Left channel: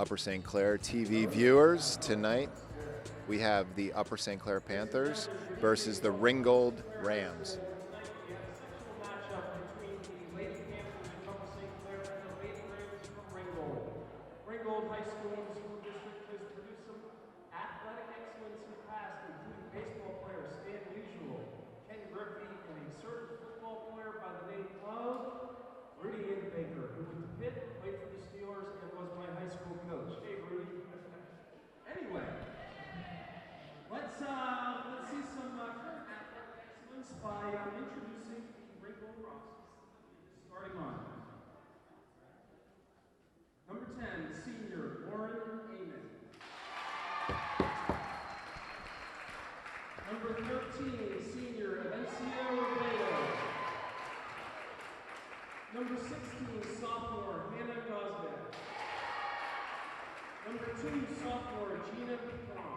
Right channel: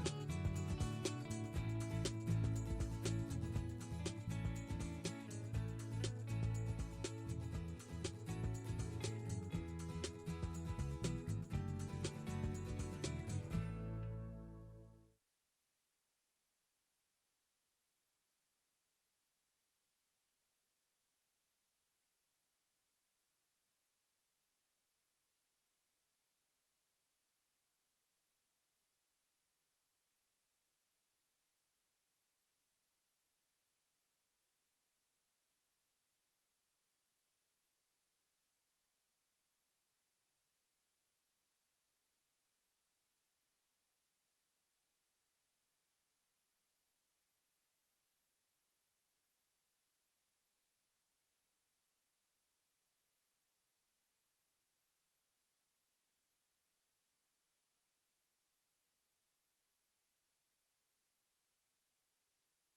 Upper St. Clair TV viewers. Tonight we have the Upper St. Clair Panthers versus the Ringgold Rams. Ringgold High School and School District has produced some athletic excellence in the past, including baseball player Stan Musial, Ken Griffey, and a certain football player by the name of Rudy Baker, who went to Pitt, played for the Steelers, and was my high school coach. Hey, Rudy. Anyway, let's see some current athletic excellence by introducing the Ringgold rosters. Starting on. Number 10, senior Lauren Amon. Number 13, senior Evencio Robledo. Number 16, sophomore Hannah Gosbeck. Number 2, sophomore Gina Picon.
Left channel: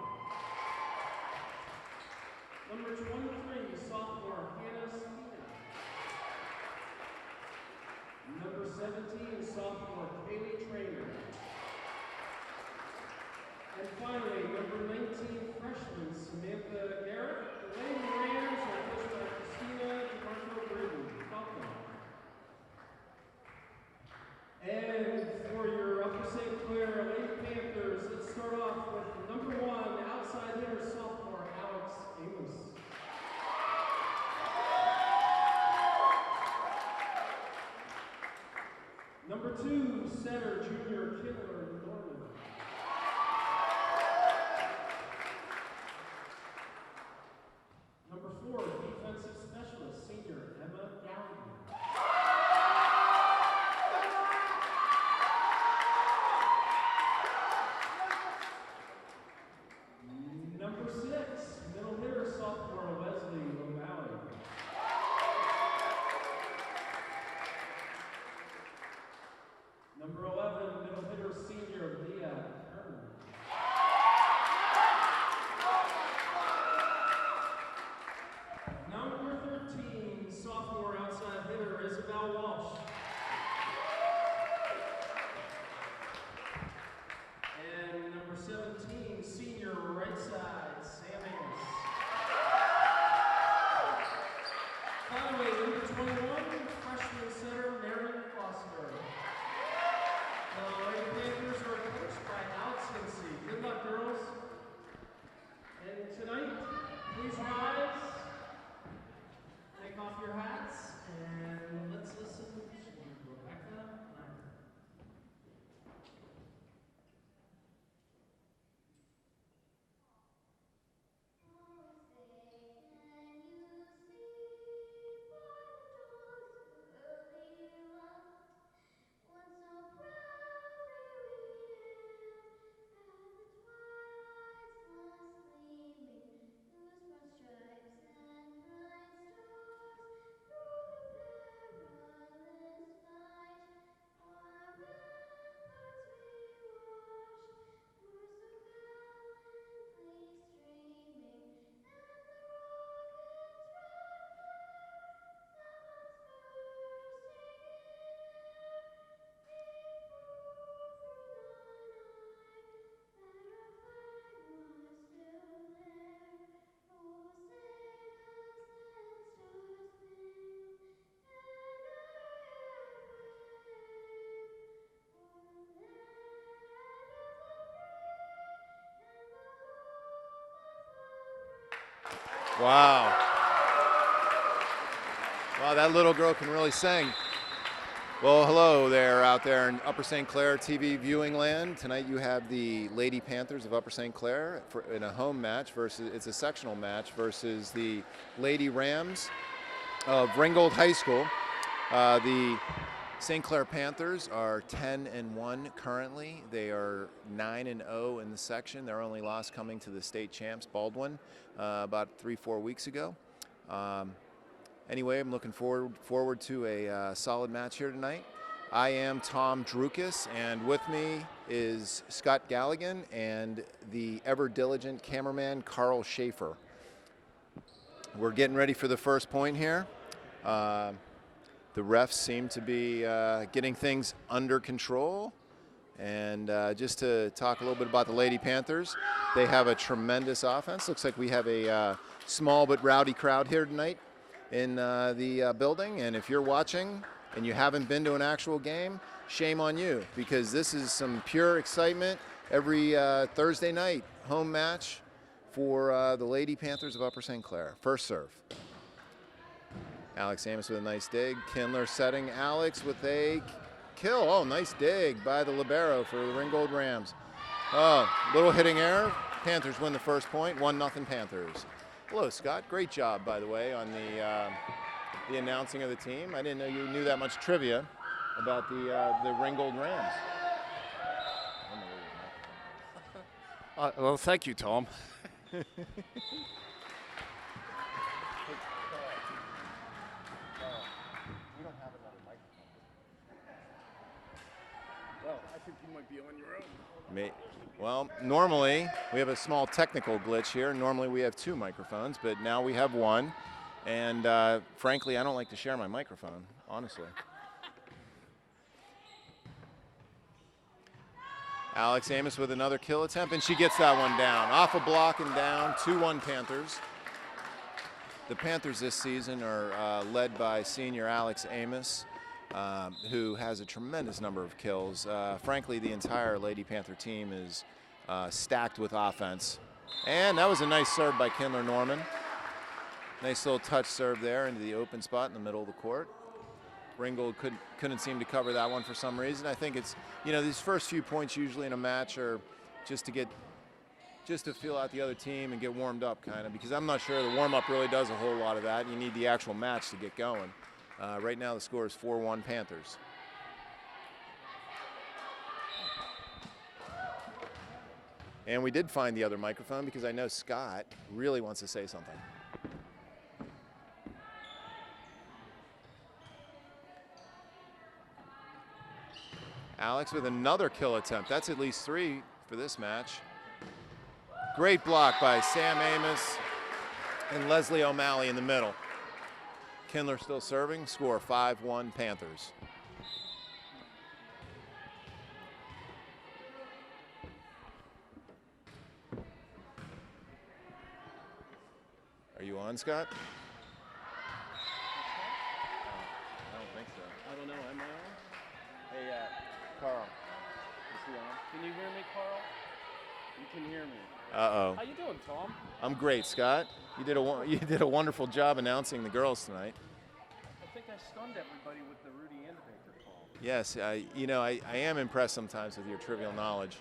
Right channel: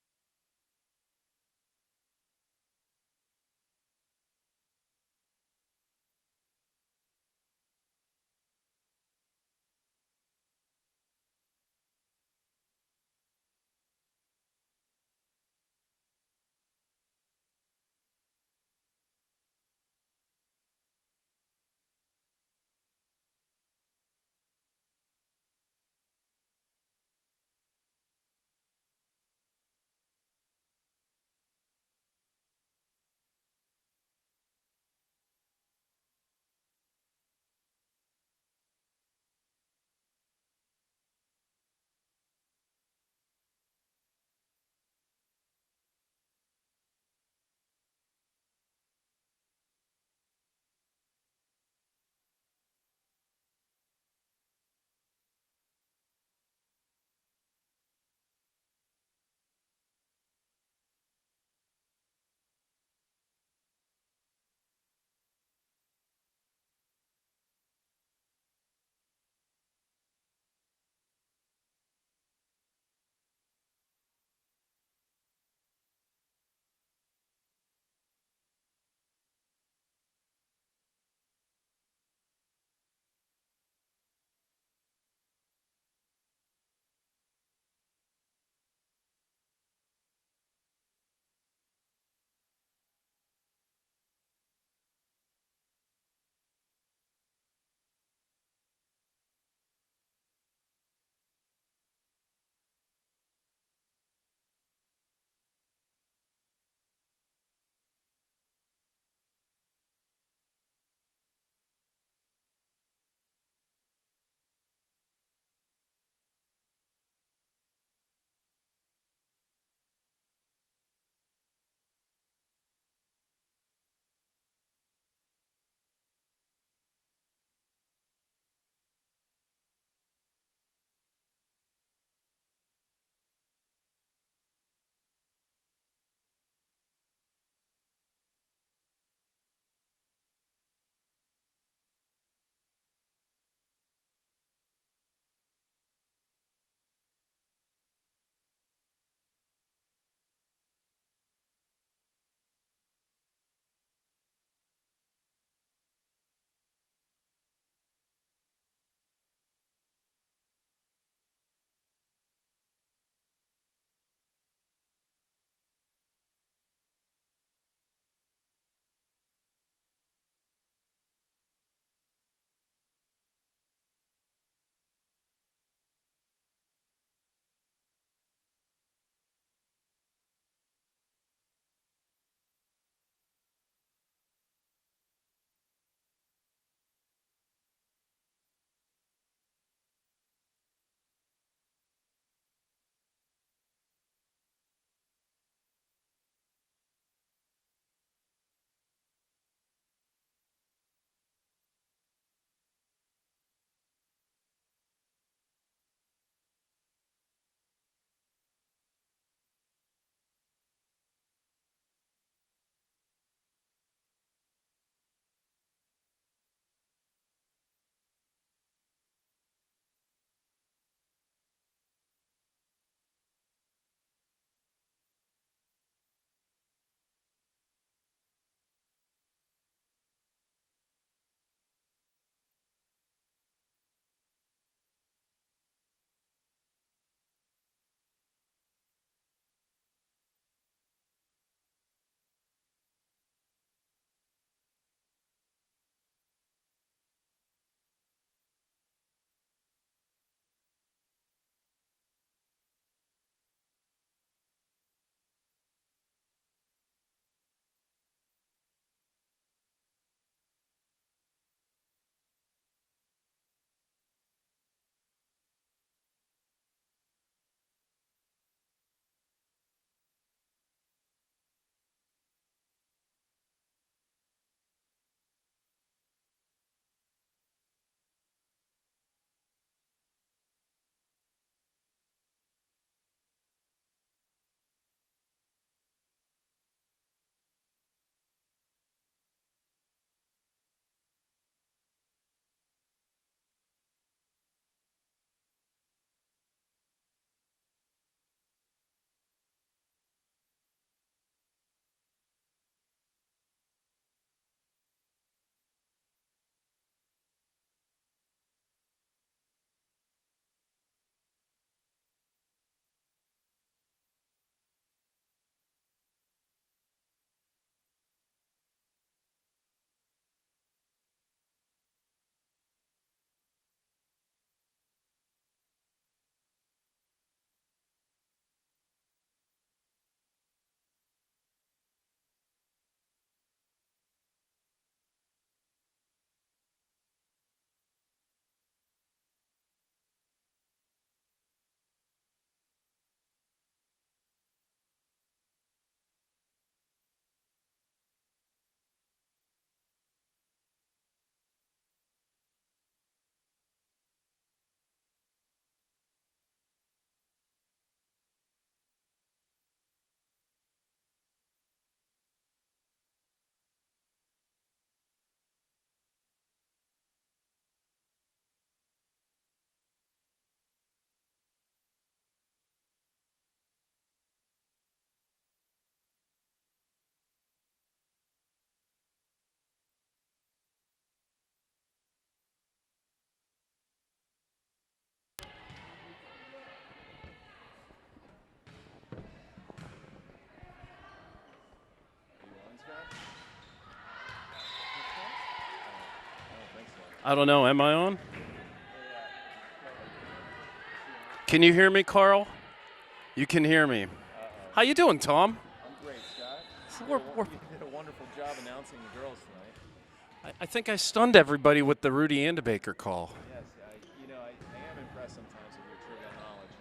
Number 23, sophomore Hannah Spina. Number 17, sophomore Kaylee Trainer. And finally, number 19, freshman Samantha Garrett. The Lady Rams are coached by Christina DeMarco Britton. Welcome. And for your Upper St. Clair Lady Panthers, let's start off with number 1, outside hitter, sophomore Alex Amos. Number 2, setter, junior Killer Norman. Number 4, defensive specialist, senior Emma Gallagher. Number 6, middle hitter, sophomore Leslie O'Malley. Number 11, middle hitter, senior Leah Herman. Number 13, sophomore outside hitter, Isabel Walsh. And number 17, senior right side, Sam Amos. Finally, number 21, freshman center, Marilyn Foster. The Lady Panthers are coached by Alex Hinsey. Good luck, girls. And tonight, please rise, take off your hats, and let's listen to Rebecca Leonard. Wow. Wow, that little girl can really sing. Well, hello there out there in Upper St. Clair TV viewing land. Tonight you have the Lady Panthers of Upper St. Clair in a home match it's a sectional match versus the Lady Rams of Ringgold High School. The St. Clair Panthers are 10-1 currently. They are 9-0 in the section. Their only loss coming to the state champs, Baldwin, about 3-4 weeks ago. Anyway, I'm looking forward to a solid match here tonight. I am Tom Drukas, and with me is Scott Galligan and the ever-diligent cameraman Carl Schaefer. We're getting ready for the first point here. The refs seem to be getting things under control, And just to talk a little bit about the Lady Panthers, they have a tremendous offense. Looks like we have a small but rowdy crowd here tonight in the building. And if you're watching and you haven't been to an actual game, shame on you, because this is some pure excitement every Thursday night home match for the Lady Panthers of Upper St. Clair. First serve. Alex Amos with a nice dig. Kindler setting Alex with a kill. Oh, nice dig by the libero for the Ringgold Rams. Oh, little hitting error. Panthers win the first point, 1-0 Panthers. Hello, Scott. Great job, by the way, on the announcing of the team. I didn't know you knew that much trivia about the Ringgold Rams. Well, thank you, Tom. Well, I think you might be on your own. Well, normally we have a small technical glitch here. Normally we have 2 microphones, but now we have 1. And frankly, I don't like to share my microphone, honestly. Alex Amos with another kill attempt, and she gets that one down. Off a block and down, 2-1 Panthers. The Panthers this season are led by senior Alex Amos, who has a tremendous number of kills. Frankly, the entire Lady Panther team is stacked with offense. And that was a nice serve by Kindler Norman. Nice little touch serve there into the open spot in the middle of the court. Ringgold couldn't seem to cover that one for some reason. I think it's, you know, these first few points usually in a match are just to feel out the other team and get warmed up, kind of, because I'm not sure the warm-up really does a whole lot of that. You need the actual match to get going. Right now the score is 4-1 Panthers. And we did find the other microphone because I know Scott really wants to say something. Alex with another kill attempt. That's at least 3 for this match. Great block by Sam Amos and Leslie O'Malley in the middle. Kindler still serving. Score 5-1 Panthers. Are you on, Scott? I don't think so. I don't know. Am I on? Hey, Carl. Is he on? Can you hear me, Carl? You can hear me. Uh-oh. How you doing, Tom? I'm great, Scott. You did a wonderful job announcing the girls tonight. I think I stunned everybody with the Rudy Andebaker call. Yes, you know, I am impressed sometimes with your trivial knowledge.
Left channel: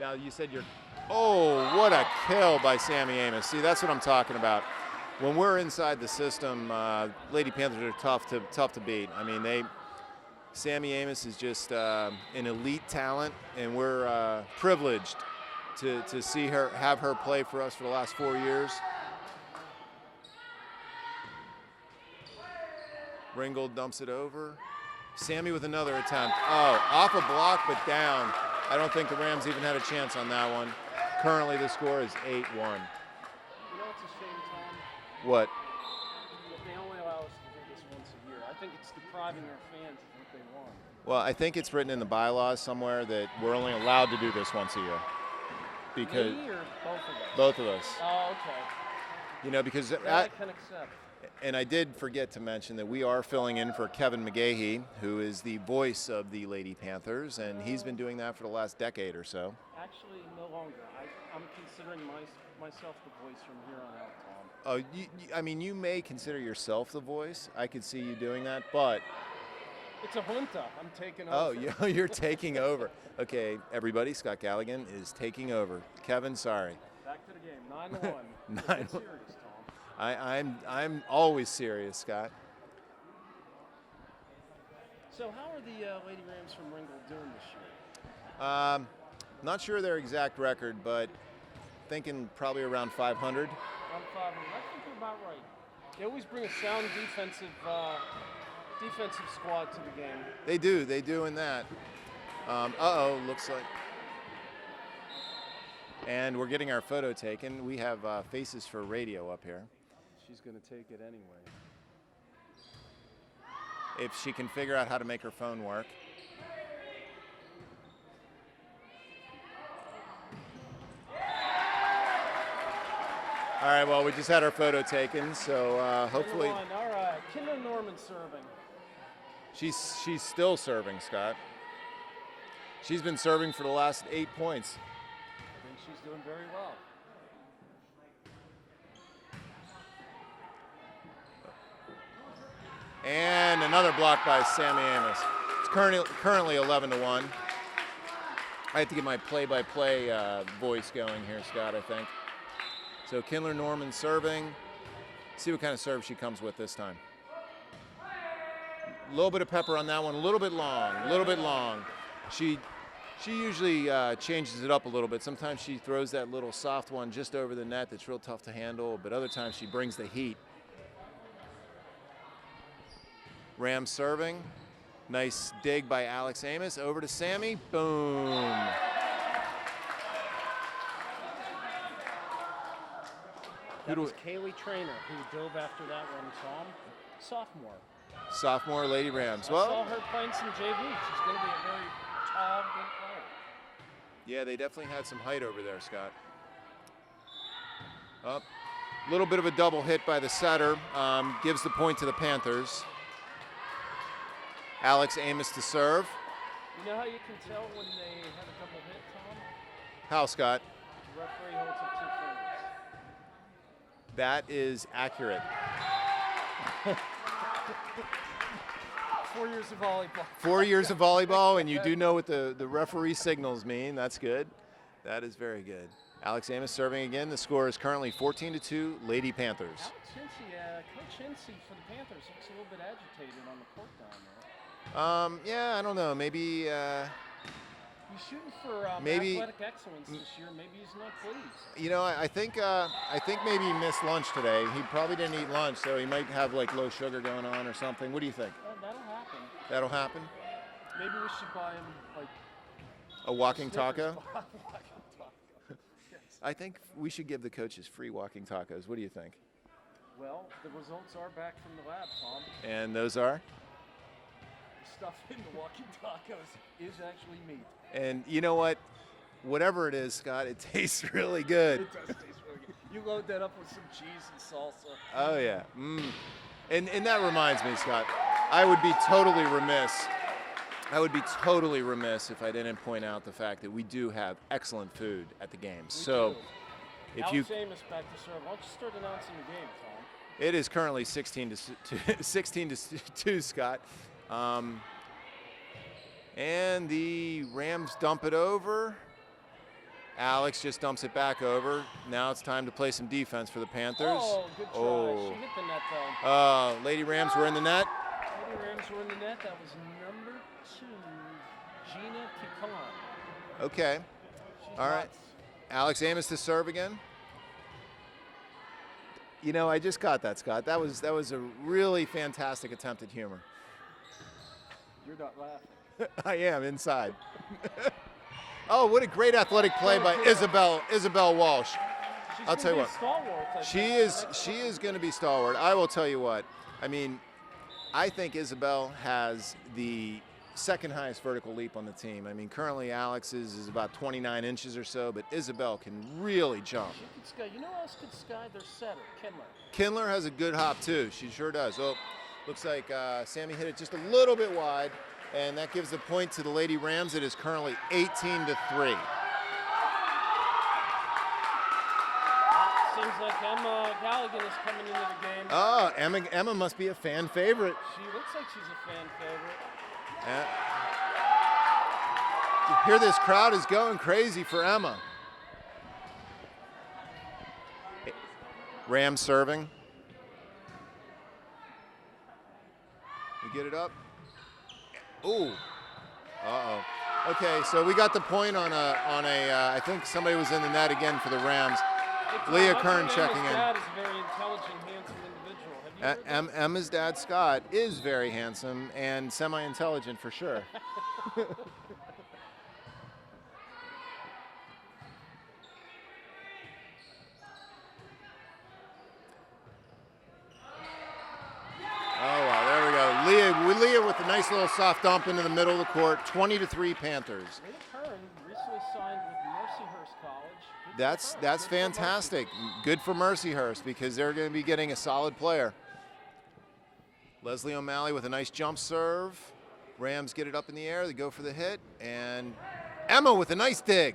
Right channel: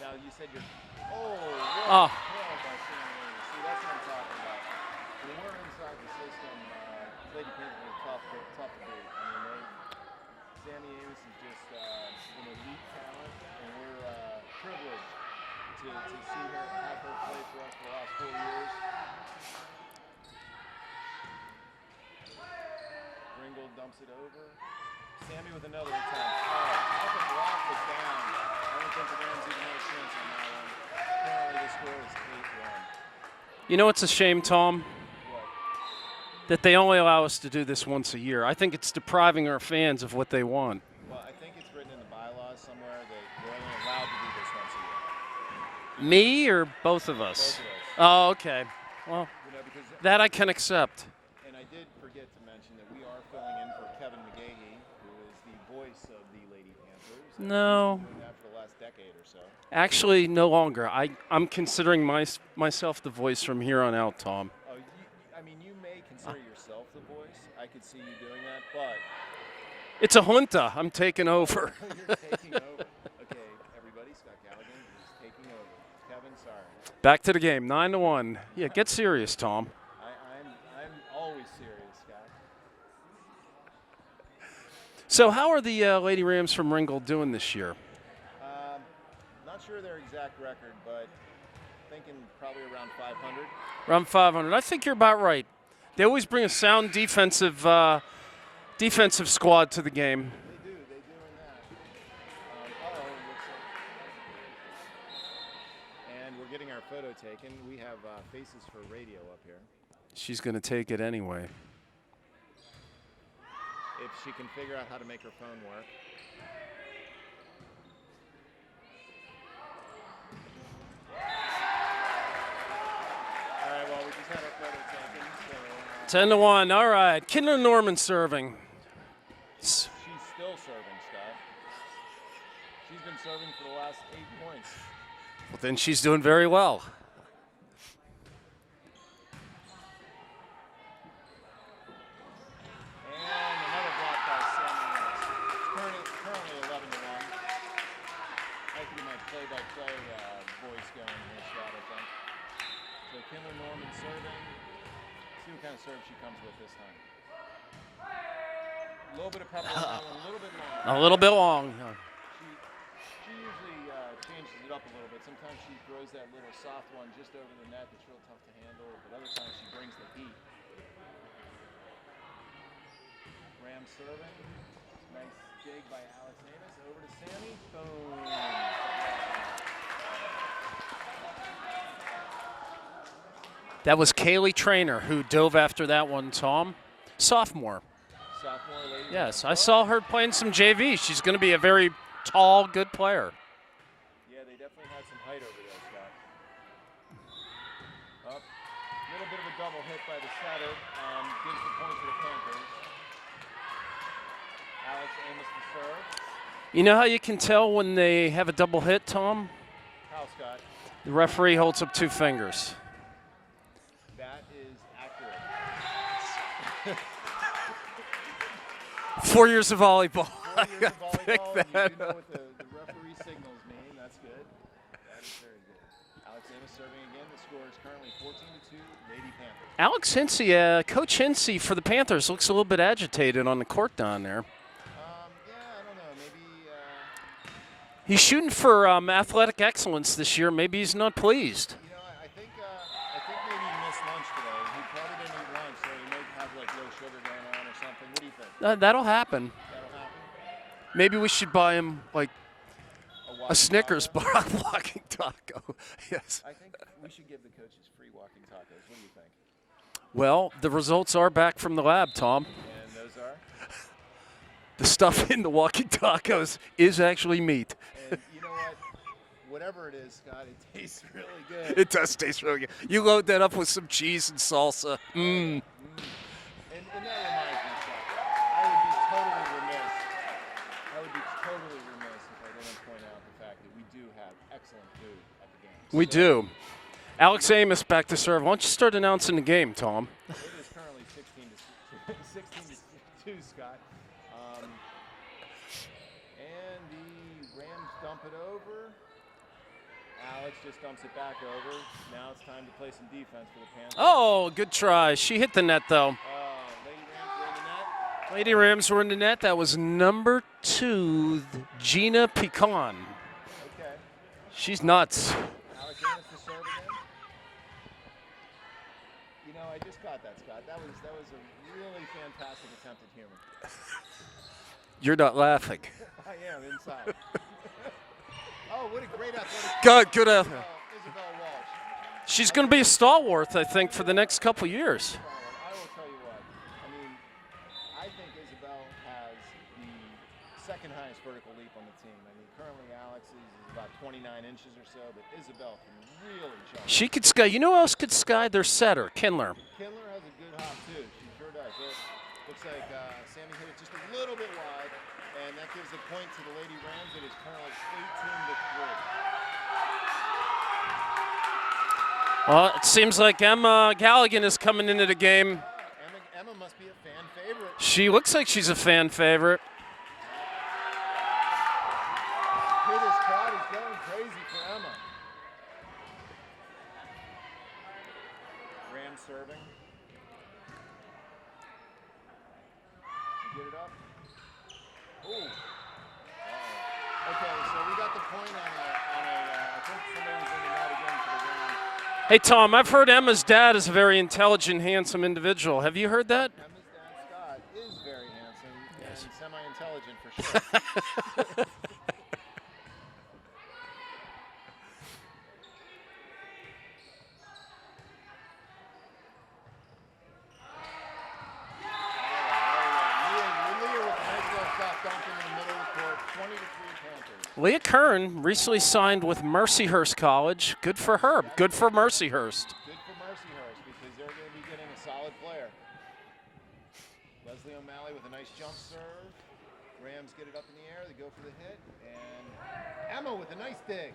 Now, you said you're... Oh, what a kill by Sammy Amos. See, that's what I'm talking about. When we're inside the system, Lady Panthers are tough to beat. I mean, Sammy Amos is just an elite talent, and we're privileged to see her, have her play for us for the last 4 years. Ringgold dumps it over. Sammy with another attempt. Oh, off a block but down. I don't think the Rams even had a chance on that one. Currently the score is 8-1. You know what's a shame, Tom? What? That they only allow us to do this once a year. I think it's depriving our fans of what they want. Well, I think it's written in the bylaws somewhere that we're only allowed to do this once a year. Me or both of us? Both of us. Oh, okay. Well, you know, because that I can accept. And I did forget to mention that we are filling in for Kevin McGahee, who is the voice of the Lady Panthers, and he's been doing that for the last decade or so. Actually, no longer. I'm considering myself the voice from here on out, Tom. Oh, I mean, you may consider yourself the voice. I could see you doing that, but... It's a junta. I'm taking over. Oh, you're taking over. Okay, everybody, Scott Galligan is taking over. Kevin, sorry. Back to the game, 9-1. Yeah, get serious, Tom. I'm always serious, Scott. So how are the Lady Rams from Ringgold doing this year? Not sure their exact record, but thinking probably around 500. Around 500. I think you're about right. They always bring a sound defensive squad to the game. They do in that. Looks like. And we're getting our photo taken. We have faces for radio up here. She's going to take it anyway. if she can figure out how to make her phone work. All right, well, we just had our photo taken, so 10-1. All right, Kinder Norman serving. She's still serving, Scott. She's been serving for the last 8 points. Well, then she's doing very well. And another block by Sammy Amos. It's currently 11-1. I have to get my play-by-play voice going here, Scott, I think. So Kindler Norman serving. See what kind of serve she comes with this time. A little bit of pepper on that one, a little bit long. A little bit long. She usually changes it up a little bit. Sometimes she throws that little soft one just over the net that's real tough to handle, but other times she brings the heat. Rams serving. Nice dig by Alex Amos. Over to Sammy. Boom. That was Kaylee Trainer who dove after that one, Tom. Sophomore. Sophomore Lady Rams. Yes, I saw her playing some JV. She's going to be a very tall, good player. Yeah, they definitely had some height over there, Scott. Up. A little bit of a double hit by the setter. Gives the point to the Panthers. Alex Amos to serve. You know how you can tell when they have a double hit, Tom? How, Scott? The referee holds up 2 fingers. That is accurate. 4 years of volleyball. 4 years of volleyball, and you do know what the referee signals mean. That's good. That is very good. Alex Amos serving again. The score is currently 14-2, Lady Panthers. Alex Hinsey, Coach Hinsey for the Panthers, looks a little bit agitated on the court down there. Yeah, I don't know. Maybe he's shooting for maybe, athletic excellence this year. Maybe he's not pleased. You know, I think maybe he missed lunch today. He probably didn't eat lunch, so he might have like low sugar going on or something. What do you think? That'll happen. That'll happen. Maybe we should buy him like a Snickers taco? bar, walking taco. Yes. I think we should give the coaches free walking tacos. What do you think? Well, the results are back from the lab, Tom. And those are? The stuff in the walking tacos is actually meat. And you know what? Whatever it is, Scott, it tastes really good. It does taste really good. You load that up with some cheese and salsa. Oh, yeah. And that reminds me, Scott, I would be totally remiss if I didn't point out the fact that we do have excellent food at the games. We do. Alex Amos back to serve. Why don't you start announcing the game, Tom? It is currently 16-2, Scott. And the Rams dump it over. Alex just dumps it back over. Now it's time to play some defense for the Panthers. Oh, good try. Oh. She hit the net, though. Lady Rams were in the net. Lady Rams were in the net. That was number 2, Gina Pecan. Okay. She's All nuts. Right. Alex Amos to serve again. You know, I just got that, Scott. That was a really fantastic attempt at humor. You're not laughing. I am inside. Oh, what a great athletic play by Isabel Walsh. She's going to be a stalwart, I think, for the next couple years. years. She's going to be stalwart. I will tell you what. I mean, I think Isabel has the second highest vertical leap on the team. I mean, currently Alex's is about 29 inches or so, but Isabel can really jump. She could sky. You know who else could sky? Their setter, Kindler. Kindler has a good hop, too. She sure does. Oh, looks like Sammy hit it just a little bit wide, and that gives the point to the Lady Rams. It is currently 18-3. Well, it seems like Emma Galligan is coming into the game. Oh, Emma must be a fan favorite. She looks like she's a fan favorite. You hear this crowd is going crazy for Emma. Rams serving. You get it up. Ooh. Uh-oh. Okay, so we got the point on I think somebody was in the net again for the Rams. Hey, Tom, Leah I've heard Kern Emma's checking in. dad is a very intelligent, handsome individual. Have you heard that? Emma's dad, Scott, is very handsome and semi-intelligent for sure. nice little soft dump into the middle of the court. 20-3 Panthers. Leah Kern recently signed with Mercyhurst College. Good for her. That's Good for fantastic. Mercyhurst. Good for Mercyhurst because they're going to be getting a solid player. Leslie O'Malley with a nice jump serve. Rams get it up in the air. They go for the hit. And Emma with a nice dig.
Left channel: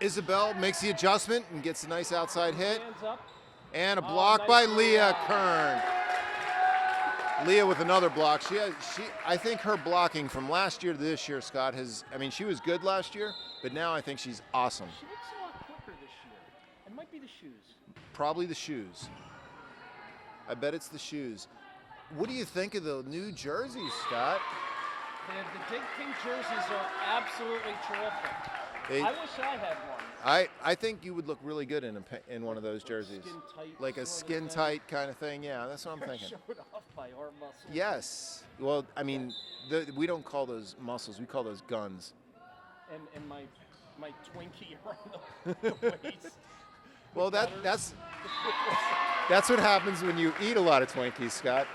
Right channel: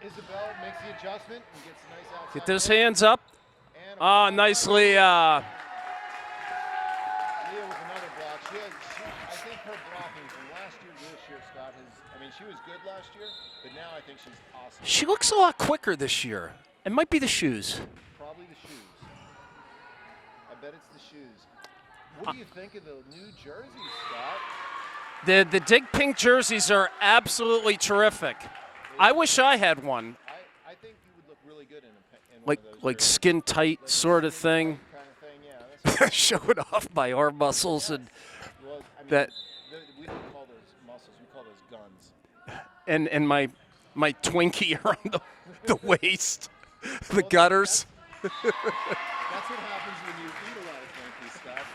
Isabel makes the adjustment and gets a nice outside Get those hit. hands up. And a block nice by Leah. Kern. Leah with another block. I think her blocking from last year to this year, Scott, she was good last year, but now I think she's awesome. She looks a lot quicker this year. It might be the shoes. Probably the shoes. I bet it's the shoes. What do you think of the new jerseys, Scott? The dig pink jerseys are absolutely terrific. I wish I had one. I think you would look really good in one of those jerseys. Like skin tight like sort a of skin thing. tight kind of thing, yeah. That's what I'm Showing off my arm muscles. Yes. Well, I mean, we don't call those muscles. We call those guns. And my Twinkie around the waist. The Well, gutters. That's what happens when you eat a lot of Twinkies, Scott.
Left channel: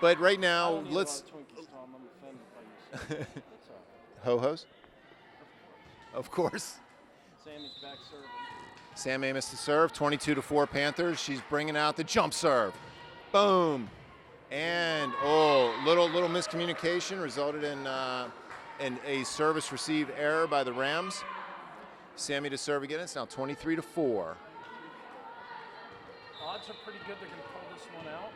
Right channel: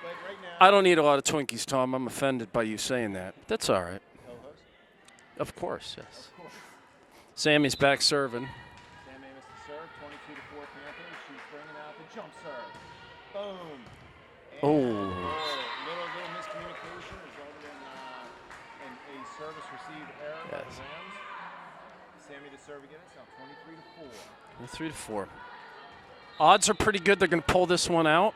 But right now, I don't eat a lot of Twinkies, Tom. I'm offended by you saying that. That's all right. Ho-hos? Of course, yes. Of course. Sammy's back serving. Sam Amos to serve, 22-4 Panthers. She's bringing out the jump serve. Boom. And little miscommunication resulted in a service receive error by the Rams. Sammy to serve again. It's now 23-4. 3-4. Odds are pretty good they're going to pull this one out.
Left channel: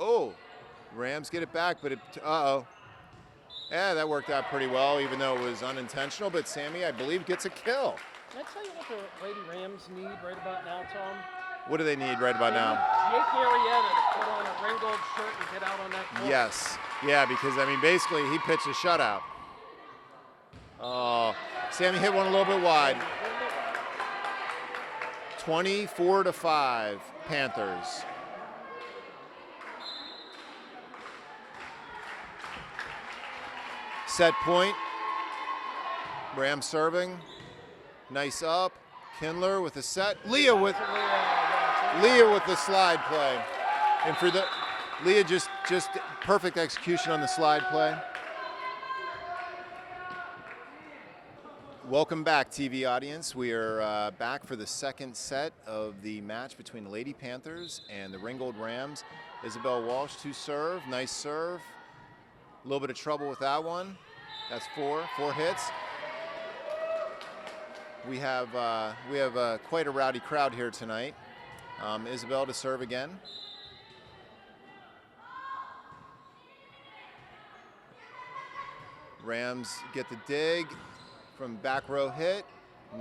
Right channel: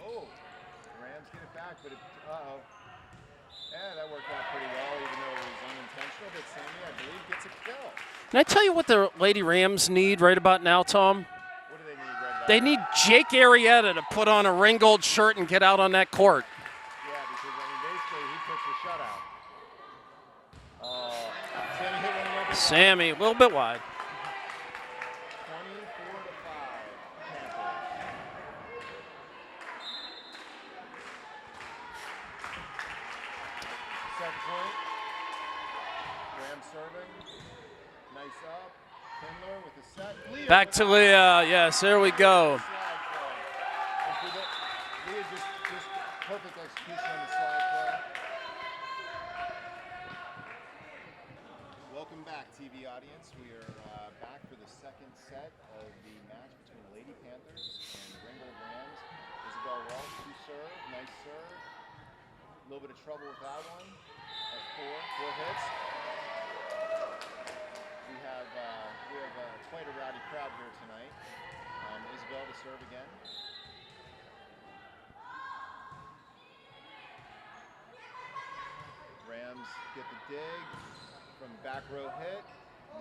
Oh, Rams get it back, but uh-oh. Yeah, that worked out pretty well, even though it was unintentional. But Sammy, I believe, gets a kill. Can I tell you what the Lady Rams need right about now, Tom? What do they need right about They now? need Jake Arrieta to put on a Ringgold shirt and get out on that court. Yes. Yeah, because, basically, he pitched a shutout. Oh, Sammy hit one a little bit wide. Sammy, a little bit wide. 24-5, Panthers. Set point. Rams serving. Nice up. Kindler with a set. Leah Back with to Leah. Yes, there we Leah go. with the slide play. And for the Leah just perfect execution on the slide play. Welcome back, TV audience. We are back for the second set of the match between the Lady Panthers and the Ringgold Rams. Isabel Walsh to serve. Nice serve. A little bit of trouble with that one. That's four hits. We have quite a rowdy crowd here tonight. Isabel to serve again. Rams get the dig from back row hit.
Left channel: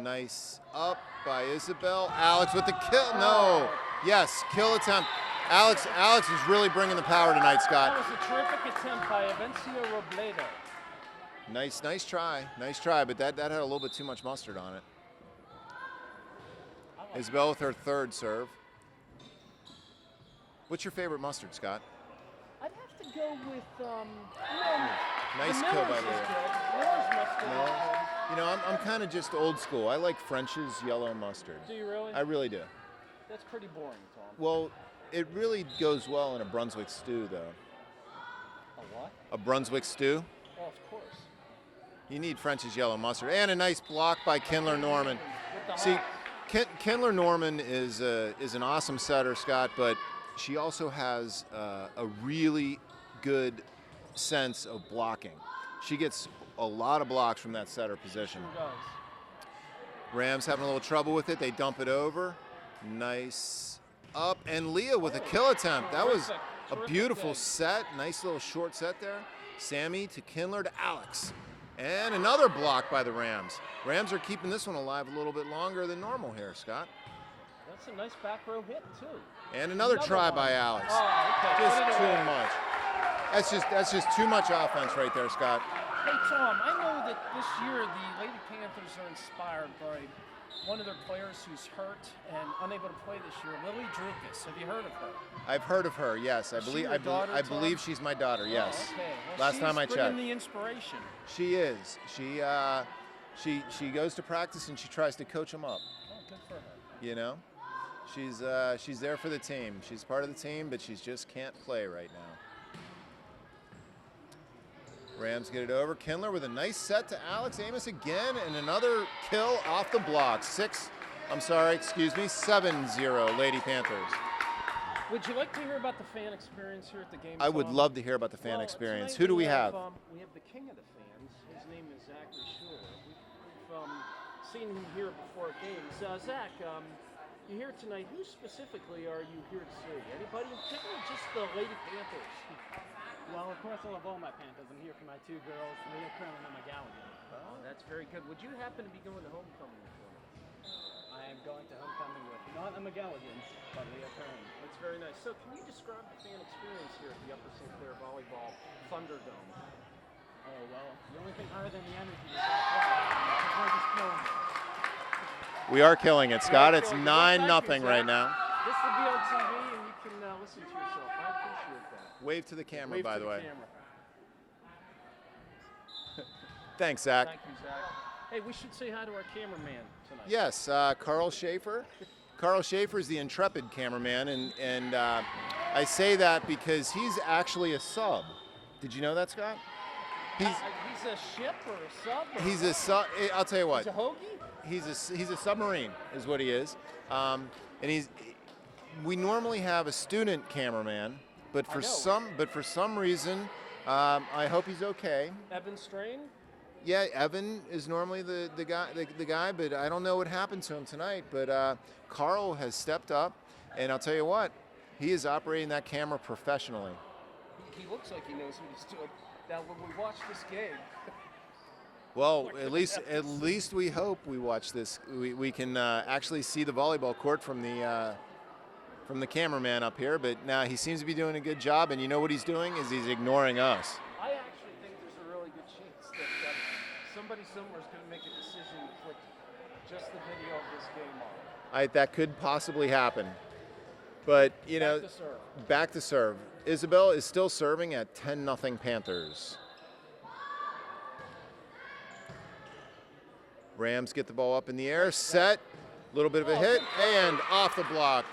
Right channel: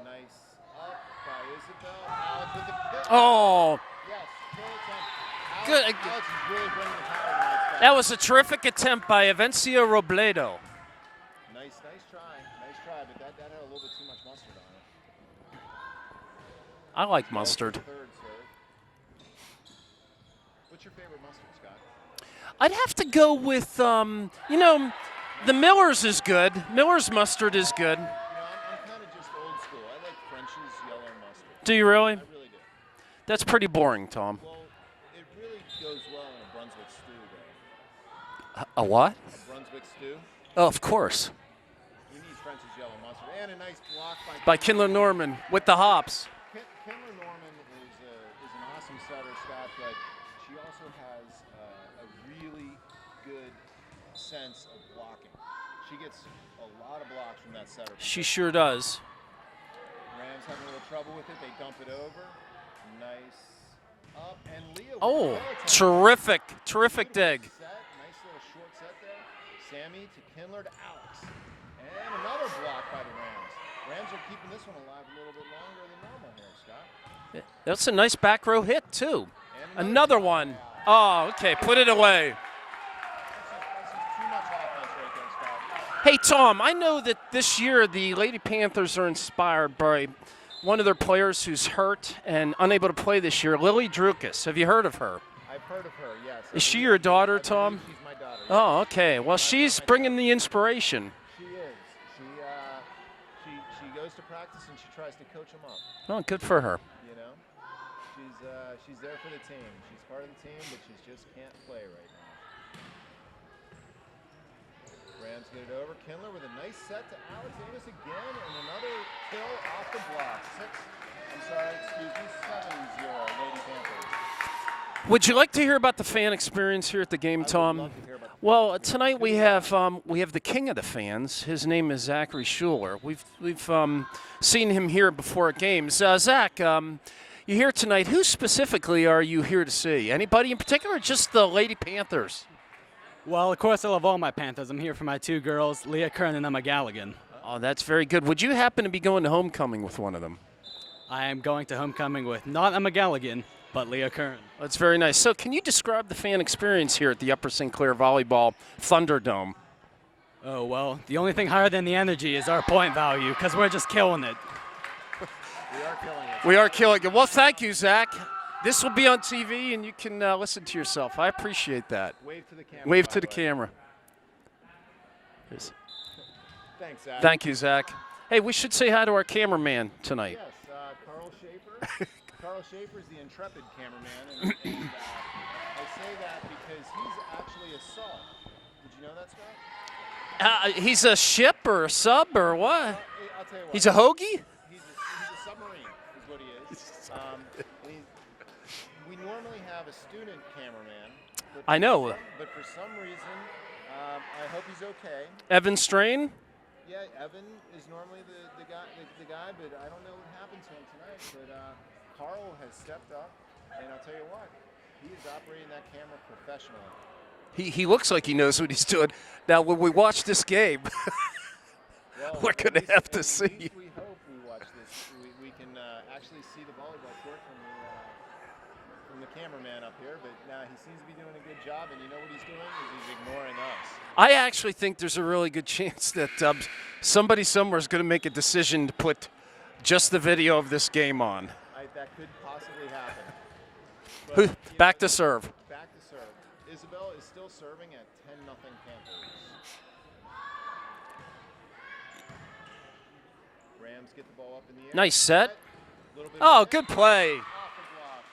Nice up by Isabel. Alex with the kill. Oh. No. Yes, kill attempt. Alex is really bringing the power tonight, Scott. That was a terrific attempt by Avencia Robledo. Nice try, but that had a little bit too much mustard on it. I like Isabel mustard. for third serve. What's your favorite mustard, Scott? I'd have to go with, the Miller's is good. Miller's mustard is good. I'm kind of just old school. I like French's yellow mustard. Do you really? I really do. That's pretty boring, Tom. Well, it really goes well in a Brunswick stew, though. A what? A Brunswick stew. Oh, of course. You need French's yellow mustard. And a nice block by Kindler Norman with the hops. Kindler Norman is an awesome setter, Scott, but she also has a really good sense of blocking. She gets a lot of blocks from that setter position. She sure does. Rams having a little trouble with it. They dump it over. Nice up. And Leah with a kill attempt. Terrific beautiful dig. set. Nice little short set there. Sammy to Kindler to Alex. And another block by the Rams. Rams are keeping this one alive a little bit longer than normal here, Scott. That's a nice back row hit, too. And another try one. by Alex. Oh, okay. Put it away. That's just too much offense right there, Scott. Hey, Tom, I know that this year the Lady Panthers are inspired by one of their players who's hurt and unable to play this year, Lily Drukas. Have you heard of her? I've heard of her, yes. Is she your daughter, Tom? I believe she's my daughter, yes. Oh, okay. Well, Last she's time I bringing checked. the inspiration. She is. She goes to practice and she tries to coach them up. Oh, good for her. She's there for the team. She's part of the team, but she just can't play right now. Rams get it over. Kindler with a nice set to Alex Amos again, and another kill off the block. 7-0 Lady Panthers. Would you like to hear about the fan experience here at the game, Tom? I would love to hear about the fan well, experience. Tonight Who do we have the king of the fans. His name is Zachary Schuler. We've seen him here before at games. Zach, you're here tonight. Who specifically are you here to see? Anybody in particular, or just the Lady Panthers? Well, of course, I love all my Panthers. I'm here for my two girls, Leah Kern and Emma Galligan. Oh, that's very good. Would you happen to be going to homecoming with one of them? I am going to homecoming with not Emma Galligan, but Leah Kern. That's very nice. So can you describe the fan experience here at the Upper St. Clair Volleyball Thunderdome? Oh, well, the only thing higher than the energy is our point value, because we're just killing it. We are killing it, Scott. We are killing it. Well, thank 9-0 you, right Zach. now. This will be on TV, and you can listen to yourself. I appreciate that. Wave to the camera. Wave by to the way. camera. Thanks, Zach. Thank you, Zach. Hey, we should say hi to our cameraman tonight. Yes, Carl Schaefer. Carl Schaefer is the intrepid cameraman, and I say that because he's actually a sub. Did you know that, Scott? He's a ship or a sub or He's what? I'll tell you what. He's a hoagie? He's a submarine, is what he is. And we normally have a student cameraman, but for I know. for some reason, I hope he's okay. Evan Strain? Yeah, Evan is normally the guy, but I don't know what happened to him tonight. But Carl has stepped up, and I'll tell you what, he is operating that camera professionally. He looks like he knows what he's doing. Now, when we watch this game, well, we're going to have to see. At least we hope we watch this. We can actually see the volleyball court from the cameraman up here, but now he seems to be doing a good job, and you know what he's doing is he's ignoring us. I actually think there's a really good chance that somebody somewhere is going to make a decision to put just the video of this game on. That could possibly happen. But back to serve. Back to serve. Isabel is still serving at 10-0 Panthers. Rams get the ball up in the air. Nice set. A little bit of a hit. Good play. And off the block.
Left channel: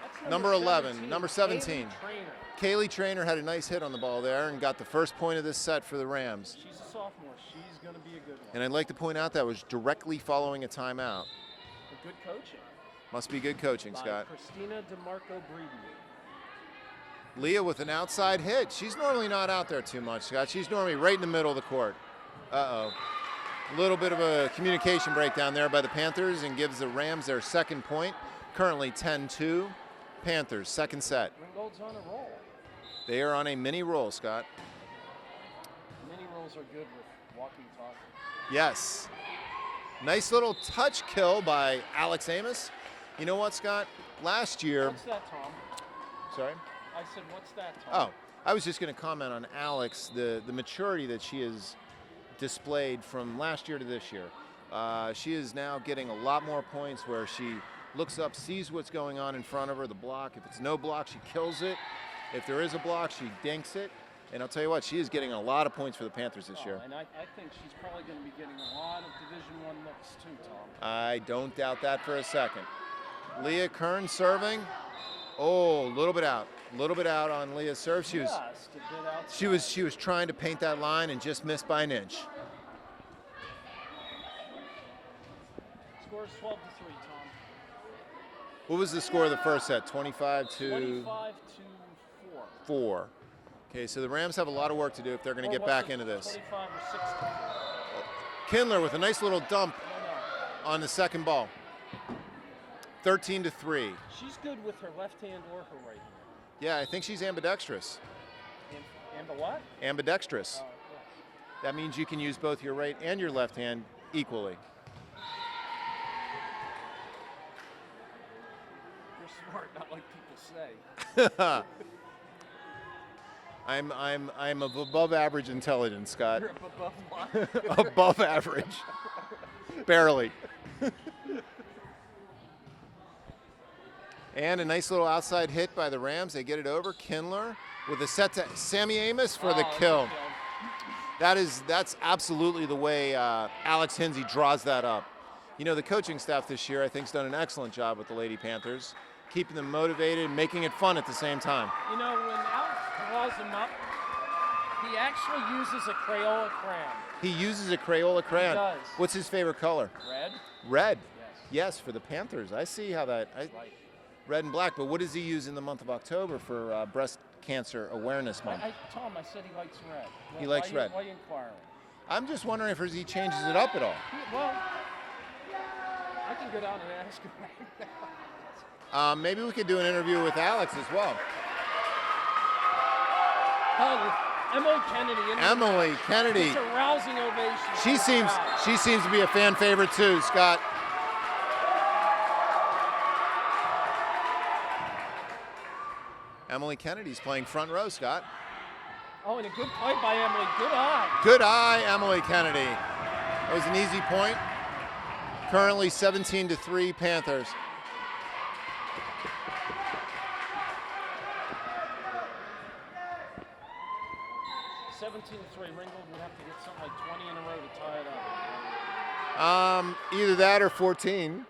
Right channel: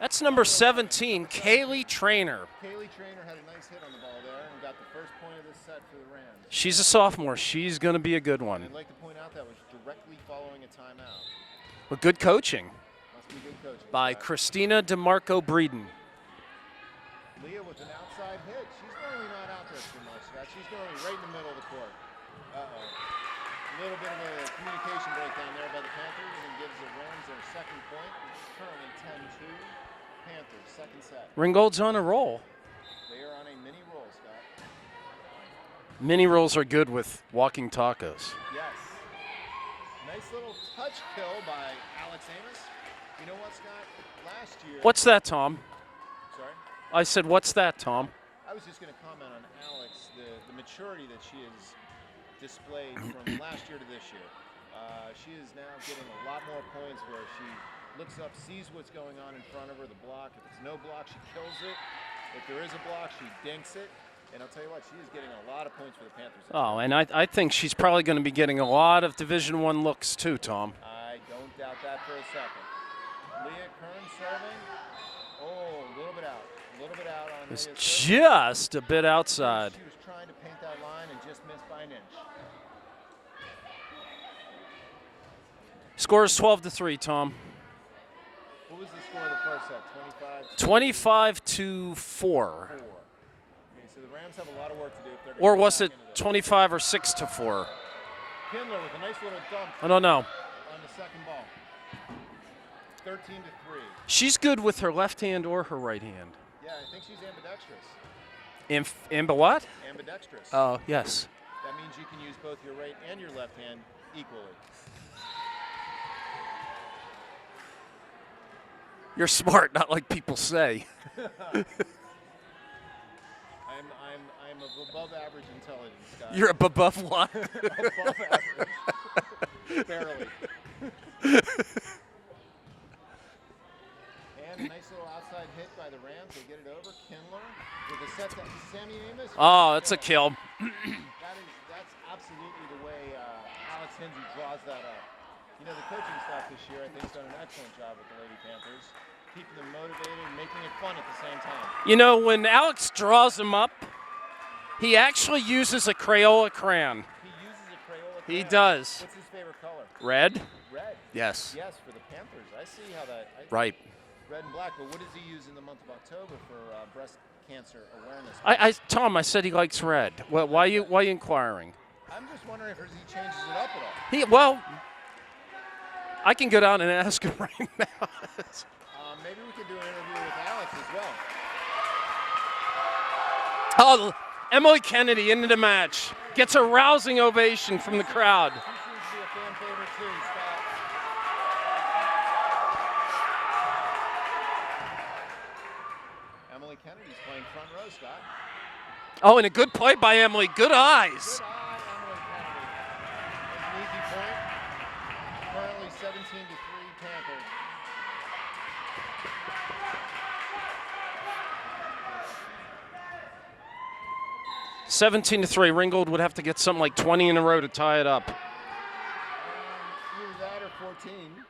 That's number 17, number 17. Kaylee Trainer. Kaylee Trainer had a nice hit on the ball there and got the first point of this set for the Rams. She's a sophomore. She's going to be a good one. And I'd like to point out that was directly following a timeout. But good coaching. Must be good coaching, by Scott. Christina DeMarco Breeden. Leah with an outside hit. She's normally not out there too much, Scott. She's normally right in the middle of the court. Uh-oh. A little bit of a communication breakdown there by the Panthers and gives the Rams their second point. Currently 10-2. Panthers, second set. Ringgold's on a roll. They are on a mini roll, Scott. Mini rolls are good with walking tacos. Yes. Nice little touch kill by Alex Amos. You know what, Scott? Last year. What's that, Tom? Sorry? I said, what's that, Tom? Oh, I was just going to comment on Alex, the maturity that she has displayed from last year to this year. She is now getting a lot more points where she looks up, sees what's going on in front of her, the block. If it's no block, she kills it. If there is a block, she dinks it. And I'll tell you what, she is getting a lot of points for the Panthers this year. Oh, and I think she's probably going to be getting a lot of Division I looks too, Tom. I don't doubt that for a second. Leah Kern serving. Oh, a little bit out. A little bit out on Leah's serve. Just a bit outside. She was trying to paint that line and just missed by an inch. Score is 12-3, Tom. What was the score of the first set? 25 to 25-4. 4. Okay, so the Rams have a lot of work to do if they're going to get back into this. Or was it 25 or 6-4? Kindler with a nice little dump I don't know. on the second ball. 13-3. She's good with her left hand or her right hand. Yeah, I think she's ambidextrous. Amber what? Ambidextrous. Oh, yes. That means you can use both your right and your left hand equally. You're smart, not like people say. I'm of above average intelligence, Scott. You're above what? Above average. Barely. And a nice little outside hit by the Rams. They get it over. Kindler with a set to Sammy Amos for the kill. That's a kill. That's absolutely the way Alex Hinsey draws that up. You know, the coaching staff this year, I think, has done an excellent job with the Lady Panthers, keeping them motivated and making it fun at the same time. You know, when Alex draws them up, he actually uses a Crayola crayon. He uses a Crayola crayon. He does. What's his favorite color? Red? Red. Yes. Yes, for the Panthers. I see how that. Right. Red and black. But what does he use in the month of October for breast cancer awareness month? Tom, I said he likes red. Well, He likes red. why are you inquiring? I'm just wondering if he changes it up at all. Well, I can go down and ask him right now. Maybe we could do an interview with Alex as well. Oh, Emily Kennedy into the Emily match. Kennedy. Gets a rousing ovation from the crowd. She seems to be a fan favorite too, Scott. Emily Kennedy's playing front row, Scott. Oh, and a good play by Emily. Good eyes. Good eye, Emily Kennedy. That was an easy point. Currently 17-3 Panthers. (17-3). Ringgold would have to get something like 20 in a row to tie it up. Either that or 14.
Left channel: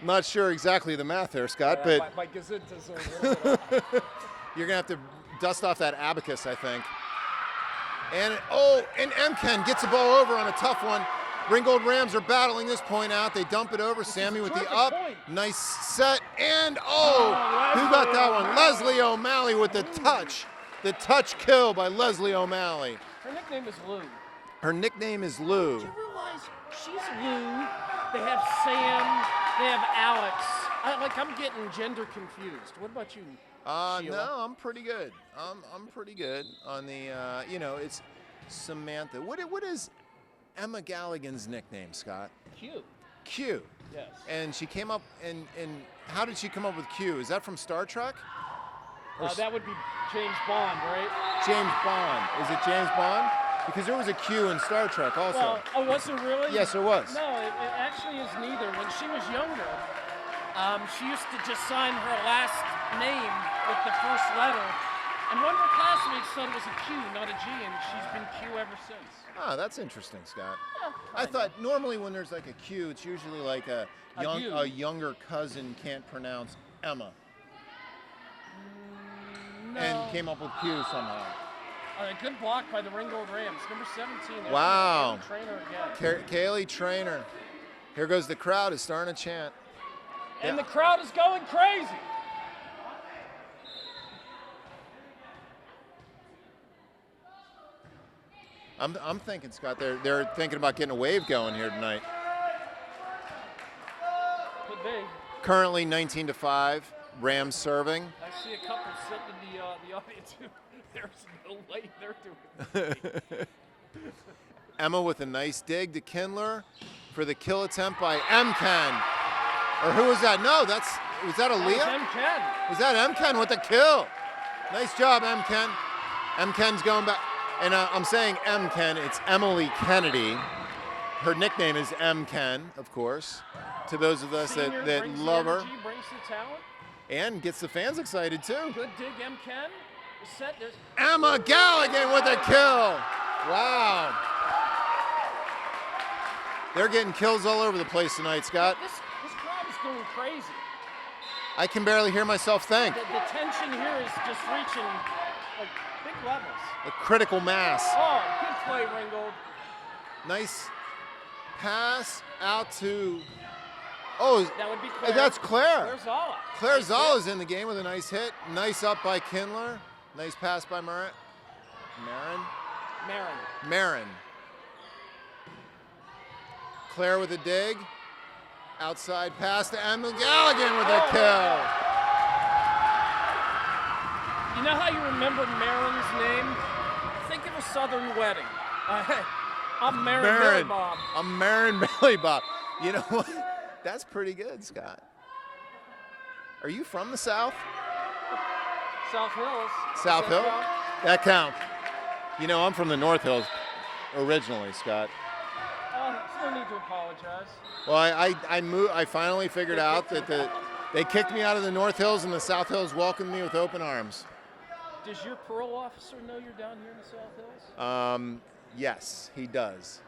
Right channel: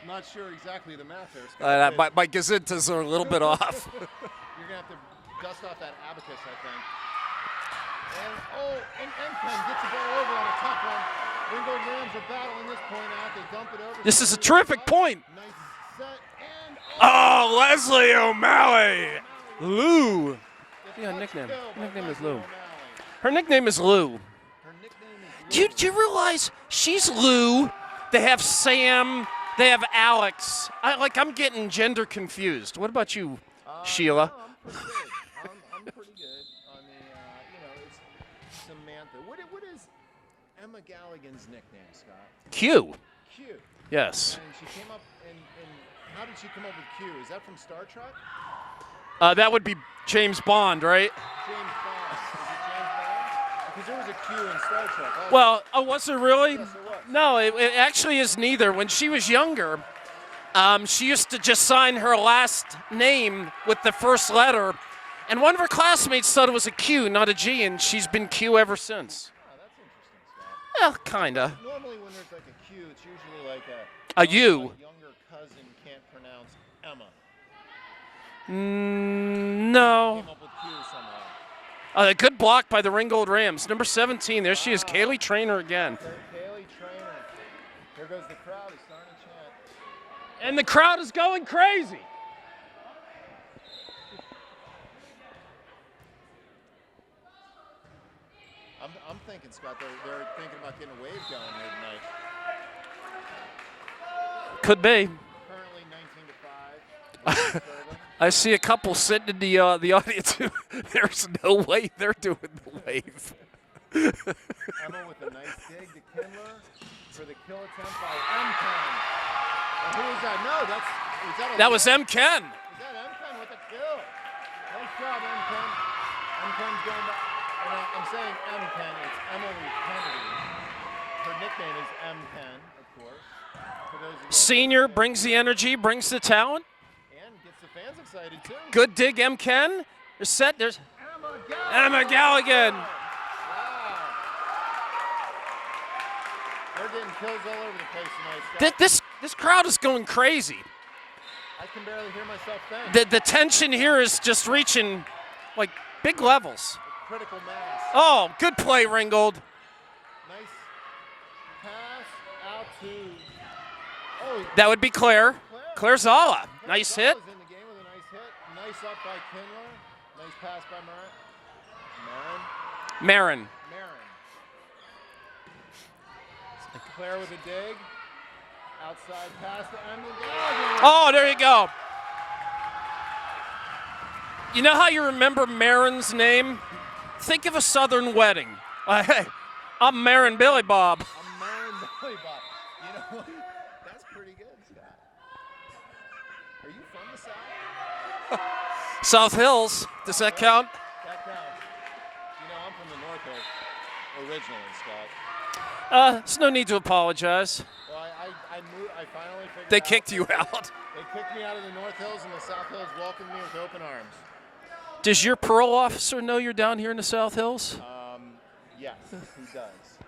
I'm not sure exactly the math there, Scott. My gazettas are a little bit off. You're going to have to dust off that abacus, I think. And Mken gets the ball over on a tough one. Ringgold Rams are battling this point out. They dump it over. This Sammy is a terrific with the up. point. Nice set and Leslie who got that one? O'Malley. Leslie O'Malley with Lou. the touch. The touch nickname. kill by Nickname is Leslie Lou. O'Malley. Her nickname is Lou. Her nickname is Lou. Do you realize she's Lou? They have Sam. They have Alex. I'm getting gender confused. What about you, Sheila? No, I'm pretty good. I'm pretty good on the, it's Samantha. What is Emma Galligan's nickname, Scott? Q. Q. Yes. And she came up, and how did she come up with Q? Is that from Star Trek? That would be James Bond, right? James Bond. Is it James Bond? Because there was a Q in Star Trek also. Well, was there really? Yes, there was. No, it actually is neither. When she was younger, she used to just sign her last name with the first letter, and one of her classmates thought it was a Q, not a G, and she's been Q ever since. Ah, that's interesting, Scott. Well, kind I of. thought normally when there's like a Q, it's usually like A U. A younger cousin can't pronounce Emma. No. And came up with Q somehow. A good block by the Ringgold Rams. Number 17. There she is, Wow. Kaylee Trainer again. Kaylee Trainer. Here goes the crowd. Is starting to chant. And the crowd is going crazy. I'm thinking, Scott, they're thinking about getting a wave going here tonight. Could be. Currently 19-5. Rams serving. I see a couple sitting in the audience. There's no way they're doing the wave. Emma with a nice dig to Kindler for the kill attempt by Mken. Or who was that? No, was that Aaliyah? That was Mken. Was that Mken with the kill? Nice job, Mken. Mken's going back. And I'm saying Mken, it's Emily Kennedy. Her nickname is Mken, of course. To those of us Senior that brings the love her. energy, brings the talent. And gets the fans excited, too. Good dig, Mken. They're set. There's Emma Galligan. Emma with the Galligan. kill. Wow. They're getting kills all over the place tonight, Scott. This crowd is going crazy. I can barely hear myself think. The tension here is just reaching like big levels. A critical mass. Oh, good play, Ringgold. Nice pass out to. Oh, That would be Claire. That's Claire. Claire Zala. Claire Nice hit. Zala's in the game with a nice hit. Nice up by Kindler. Nice pass by Marin. Marin. Claire with a dig. Outside pass to Emma Galligan. With Oh, a there you kill. go. You know how you remember Marin's name? Think of a Southern wedding. Hey, I'm Marin Billy Bob. I'm Marin Billy Bob. You know what? That's pretty good, Scott. Are you from the South? South Hills. Does South that Hills? count? That counts. You know, I'm from the North Hills originally, Scott. There's no need to apologize. Well, I moved. I finally figured They out. kicked that you out. They kicked me out of the North Hills, and the South Hills welcomed me with open arms. Does your parole officer know you're down here in the South Hills? Yes, he does.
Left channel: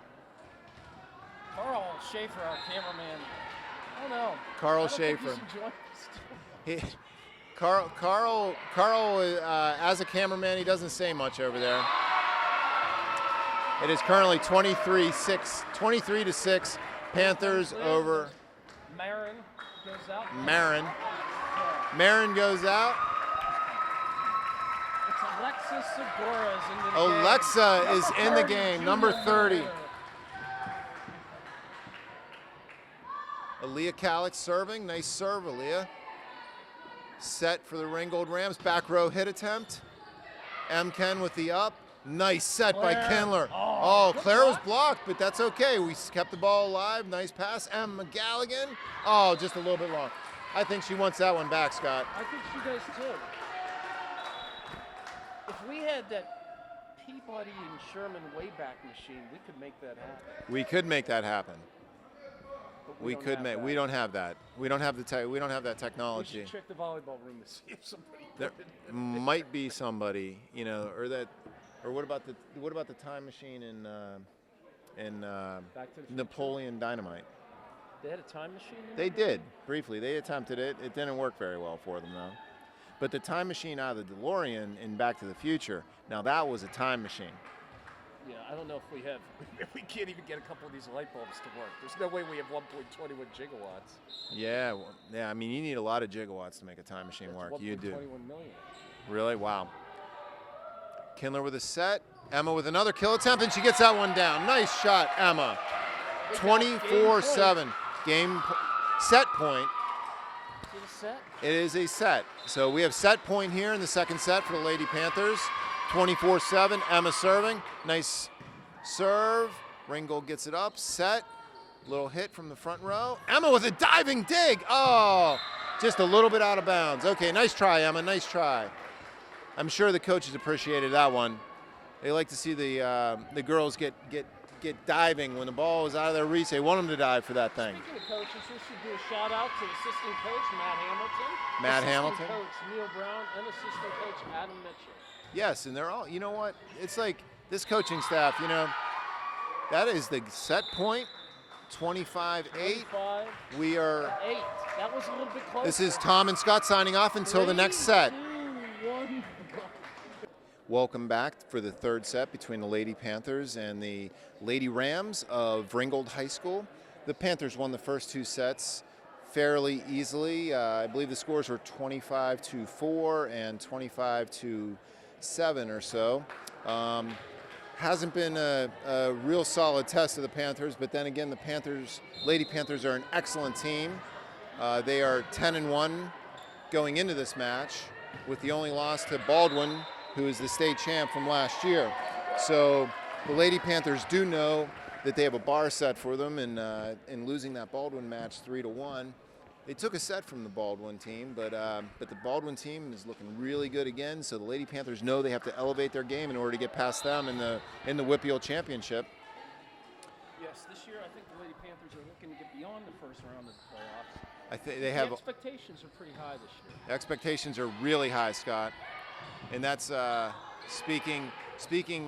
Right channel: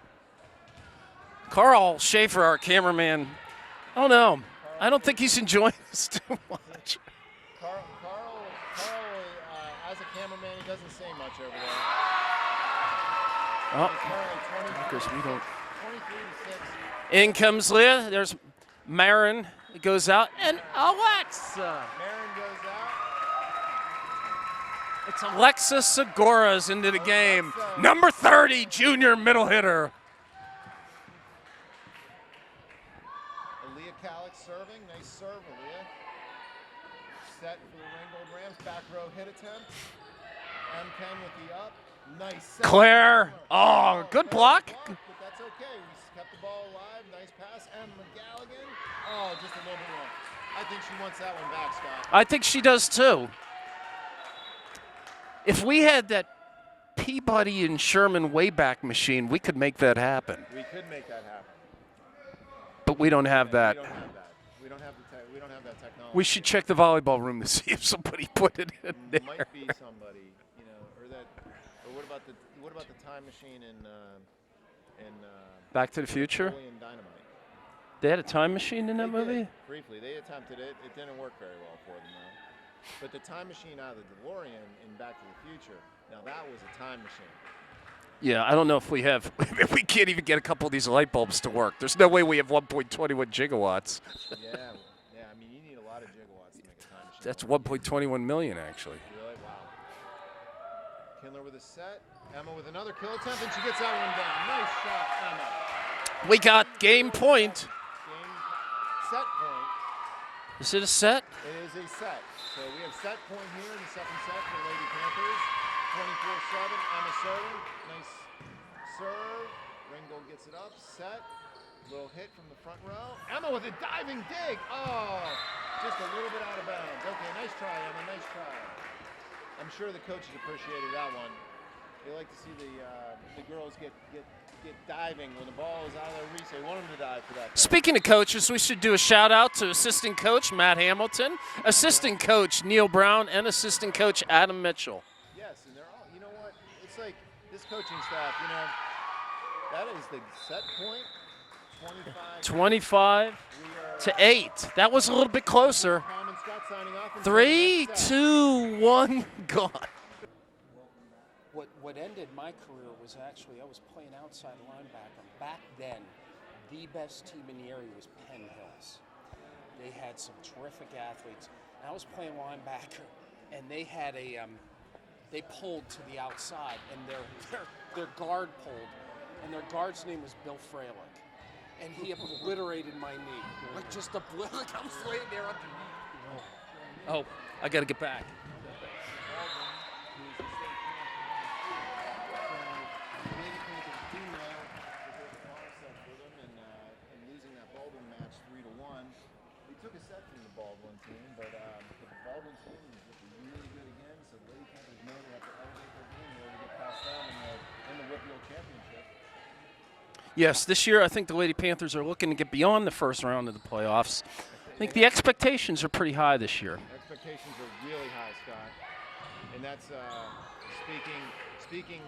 Carl Schaefer, our cameraman. I don't know. Carl I don't think Schaefer. he's enjoying this too much. Carl, as a cameraman, he doesn't say much over there. Oh. It is currently 23 to 6. In Panthers comes Leah. over. There's Marin. He goes out. And Marin. Alexa. Marin goes out. It's Alexa Segura's into the Alexa game. Number is in the 30, game. junior Number middle 30. hitter. Aaliyah Kalik serving. Nice serve, Aaliyah. Set for the Ringgold Rams. Back row hit attempt. M. Ken with the up. Nice set Claire. by Kindler. Oh, good Claire block. was blocked, but that's okay. We kept the ball alive. Nice pass. M. McGalligan. Oh, just a little bit long. I think she wants that one back, Scott. I think she does too. If we had that Peabody and Sherman Wayback Machine, we could make that happen. We could make that happen. But we don't have that. We don't have that. We don't have that technology. We should check the volleyball room to see if somebody put it in there. Might be somebody, or what about the time machine in Back to the Future? Napoleon Dynamite? They had a time machine in They that movie? did briefly. They attempted it. It didn't work very well for them though. But the time machine out of the DeLorean in Back to the Future, now that was a time machine. Yeah, I don't know if we have. We can't even get a couple of these light bulbs to work. There's no way we have 1.21 gigawatts. Yeah, I mean, you need a lot of gigawatts to make a time machine That's work. You do. 1.21 million, actually. Really? Wow. Kindler with a set. Emma with another kill attempt, and she gets that one down. Nice shot, Emma. We got game point. 24-7. Set point. Is it a set? It is a set. So we have set point here in the second set for the Lady Panthers. 24-7. Emma serving. Nice serve. Ringgold gets it up. Set. Little hit from the front row. Emma with a diving dig. Oh, just a little bit out of bounds. Okay, nice try, Emma. Nice try. I'm sure the coaches appreciated that one. They like to see the girls get diving when the ball is out of their reach. They want them to dive for that thing. Speaking of coaches, we should do a shout out to assistant coach Matt Hamilton, assistant coach Neil Brown, and assistant coach Adam Mitchell. Yes, and they're all, you know what? It's like this coaching staff, that is the set point, 25 We are to 8. That was a little bit closer. This is Tom and Scott signing off until 3, the next set. 2, 1, gone. Welcome back for the third set between the Lady Panthers and the Lady Rams of Ringgold High School. The Panthers won the first two sets fairly easily. I believe the scores were 25-4 and 25-7 or so. Hasn't been a real solid test of the Panthers, but then again, the Lady Panthers are an excellent team. They are 10-1 going into this match. I got to get back. With the only loss to Baldwin, who is the state champ from last year. So the Lady Panthers do know that they have a bar set for them in losing that Baldwin match 3-1. They took a set from the Baldwin team, but the Baldwin team is looking really good again. So the Lady Panthers know they have to elevate their game in order to get past them in the Whippeal Championship. Yes, this year I think the Lady Panthers are looking to get beyond the first round of the playoffs. I think the expectations are pretty high this year. Expectations are really high, Scott, and that's speaking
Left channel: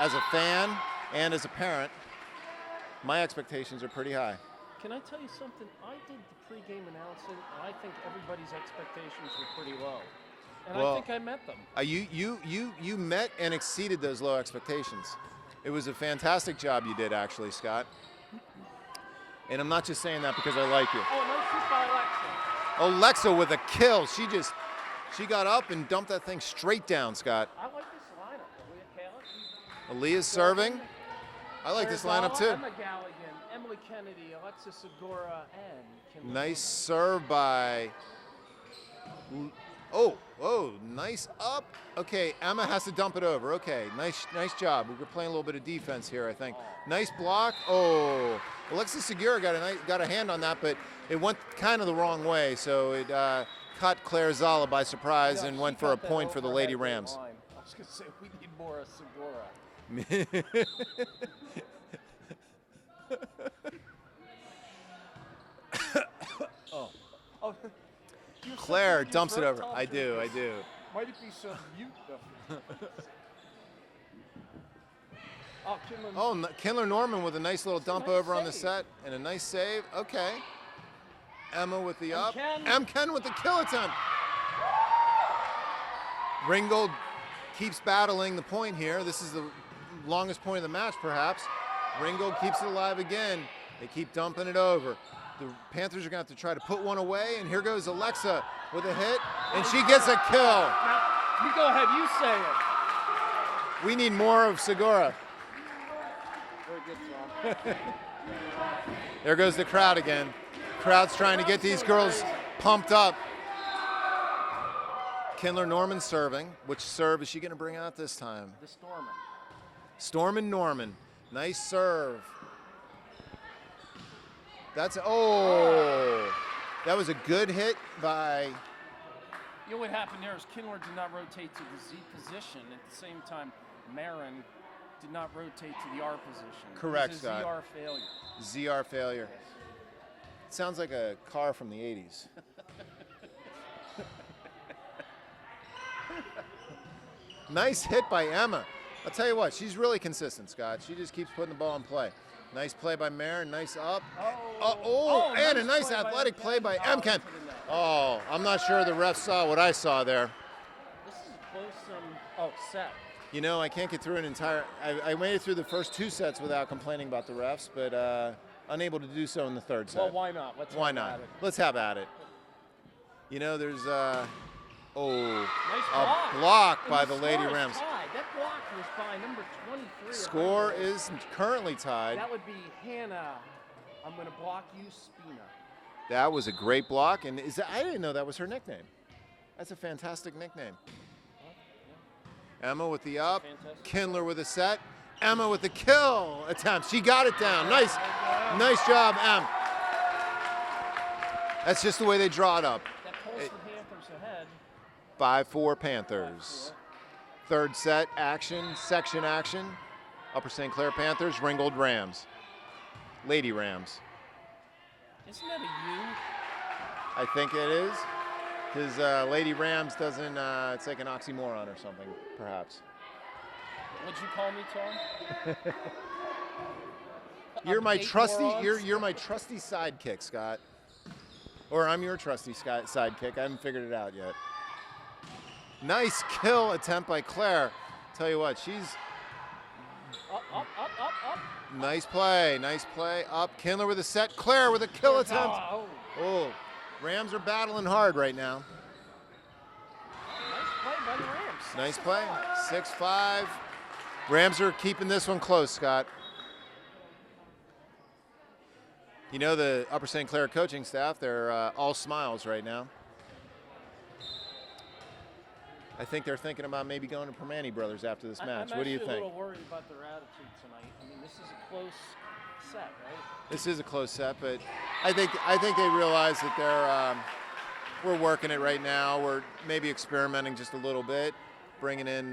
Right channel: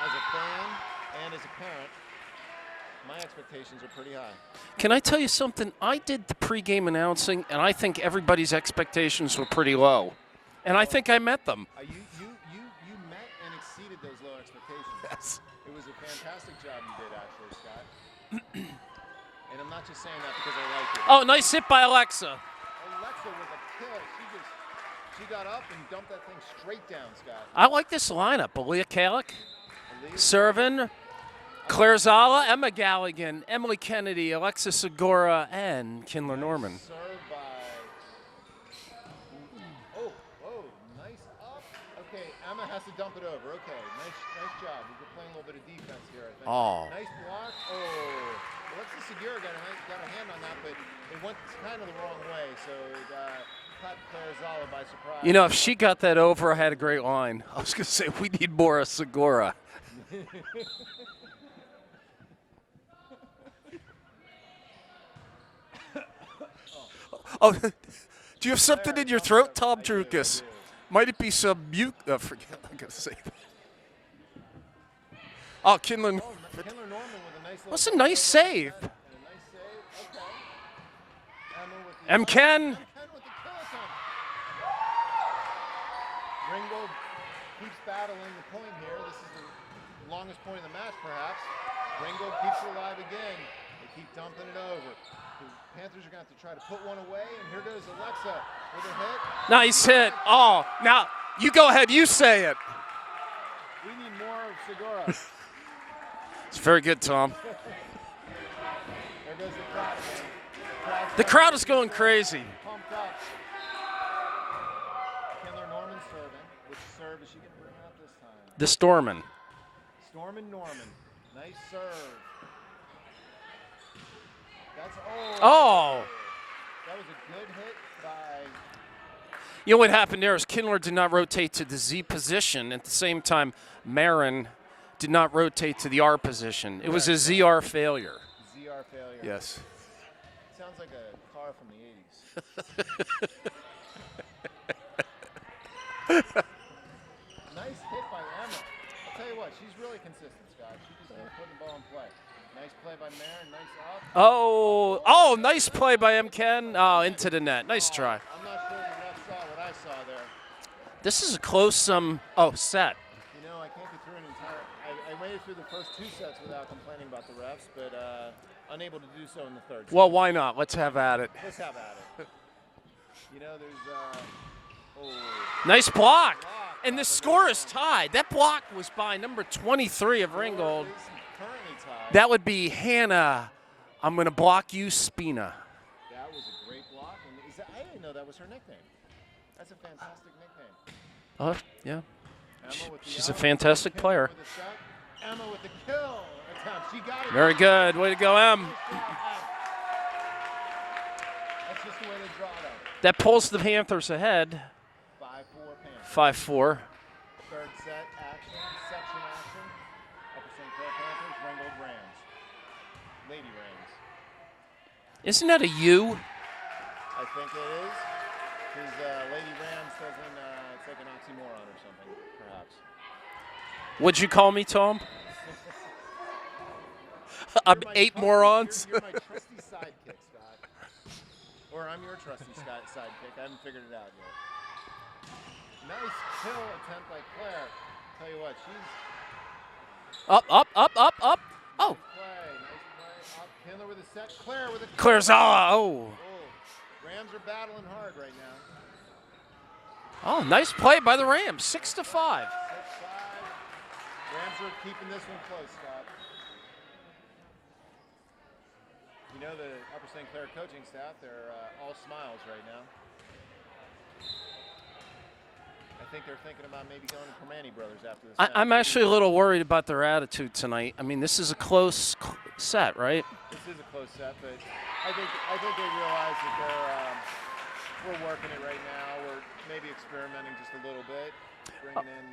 as a fan and as a parent. My expectations are pretty high. Can I tell you something? I did the pregame announcing, and I think everybody's expectations were pretty low. And I think I met them. You met and exceeded those low expectations. Yes. It was a fantastic job you did, actually, Scott. And I'm not just saying that because I like you. Oh, nice hit by Alexa. Alexa with a kill. She got up and dumped that thing straight down, Scott. I like this lineup. Aaliyah Kalik, Aaliyah's serving. I like Claire this lineup, Zala, too. Emma Galligan, Emily Kennedy, Alexa Segura, and Kindler Nice Norman. serve by. Oh, nice up. Okay, Emma has to dump it over. Okay, nice job. We're playing a little bit of defense here, I think. Oh. Nice block. Oh, Alexa Segura got a hand on that, but it went kind of the wrong way, so it caught Claire Zala by surprise. You know, and if went she for got a that point for over, I the had a Lady great Rams. line. I was going to say, we need more of Segura. Oh, do you have something Claire in your dumps it throat, over. Tom I do. Drukas? Might it be some mute? Forget what I'm going to say. Oh, Kindler. Oh, Kindler Norman with a nice little That's a dunk nice over on the save. set, and a nice save. Okay. Emma with the M. Ken. M. Ken with the kill attempt. Ringgold keeps battling the point here. This is the longest point of the match, perhaps. Ringgold keeps it alive again. They keep dumping it over. The Panthers are going to have to try to put one away, and here goes Alexa with a hit. Nice she hit. gets a kill. Oh, now you go ahead. You say it. We need more of Segura. It's very good, Tom. There goes the crowd again. Crowd's The trying crowd to get is these going girls crazy. pumped up. Kindler Norman serving. Which serve is she going to bring out this time? The Storman. Stormin Norman. Nice serve. That's That was a good hit by. You know what happened there is Kindler did not rotate to the Z position. At the same time, Marin did not rotate to the R position. It was a Correct, ZR failure. ZR failure. Yes. Sounds like a car from the 80s. Nice hit by Emma. I'll tell you what, she's really consistent, Scott. She just keeps putting the ball in play. Nice play by Marin, nice up. Oh, and nice play by M. athletic play Ken. by Oh, M. Ken. into the net. Nice Oh, try. I'm not sure the ref saw what I saw there. This is a close set. You know, I can't get through an entire. I made it through the first 2 sets without complaining about the refs, but unable to do so in the third set. Well, why not? Let's Why have not? at it. Let's have at it. You know, there's Nice block. block And by the the score Lady is Rams. tied. That block was by number 23 of Score Ringgold. is currently tied. That would be Hannah. I'm going to block you, Spina. That was a great block, and I didn't know that was her nickname. That's a fantastic nickname. Yeah. Emma with the She's a up. fantastic Kindler player. with a set. Emma with the kill attempt. She got it Very down. good. Nice, Way to go, Em. nice job, Em. That's just the way they draw it up. That pulls the Panthers ahead. 5-4 Panthers. 5-4. Third set action, section action. Upper St. Clair Panthers, Ringgold Rams. Lady Rams. Isn't that a U? I think it is. Because Lady Rams doesn't, it's like an oxymoron or something, perhaps. Would you call me, Tom? You're my 8 trusty, morons. You're my trusty sidekick, Scott. Or I'm your trusty sidekick. I haven't figured it out yet. Nice kill attempt by Claire. Tell you what, she's Up. nice play. Up. Kindler with a set. Claire with a kill Claire's attempt. Rams are battling hard right now. Oh, nice play by the Rams. 6 Nice to play. 5. 6-5. Rams are keeping this one close, Scott. You know the Upper St. Clair coaching staff, they're all smiles right now. I think they're thinking about maybe going to Permane Brothers after this match. I'm What do you actually a think? little worried about their attitude tonight. I mean, this is a close set, right? This is a close set, but I think they realize that we're working it right now. We're maybe experimenting just a little bit, bringing in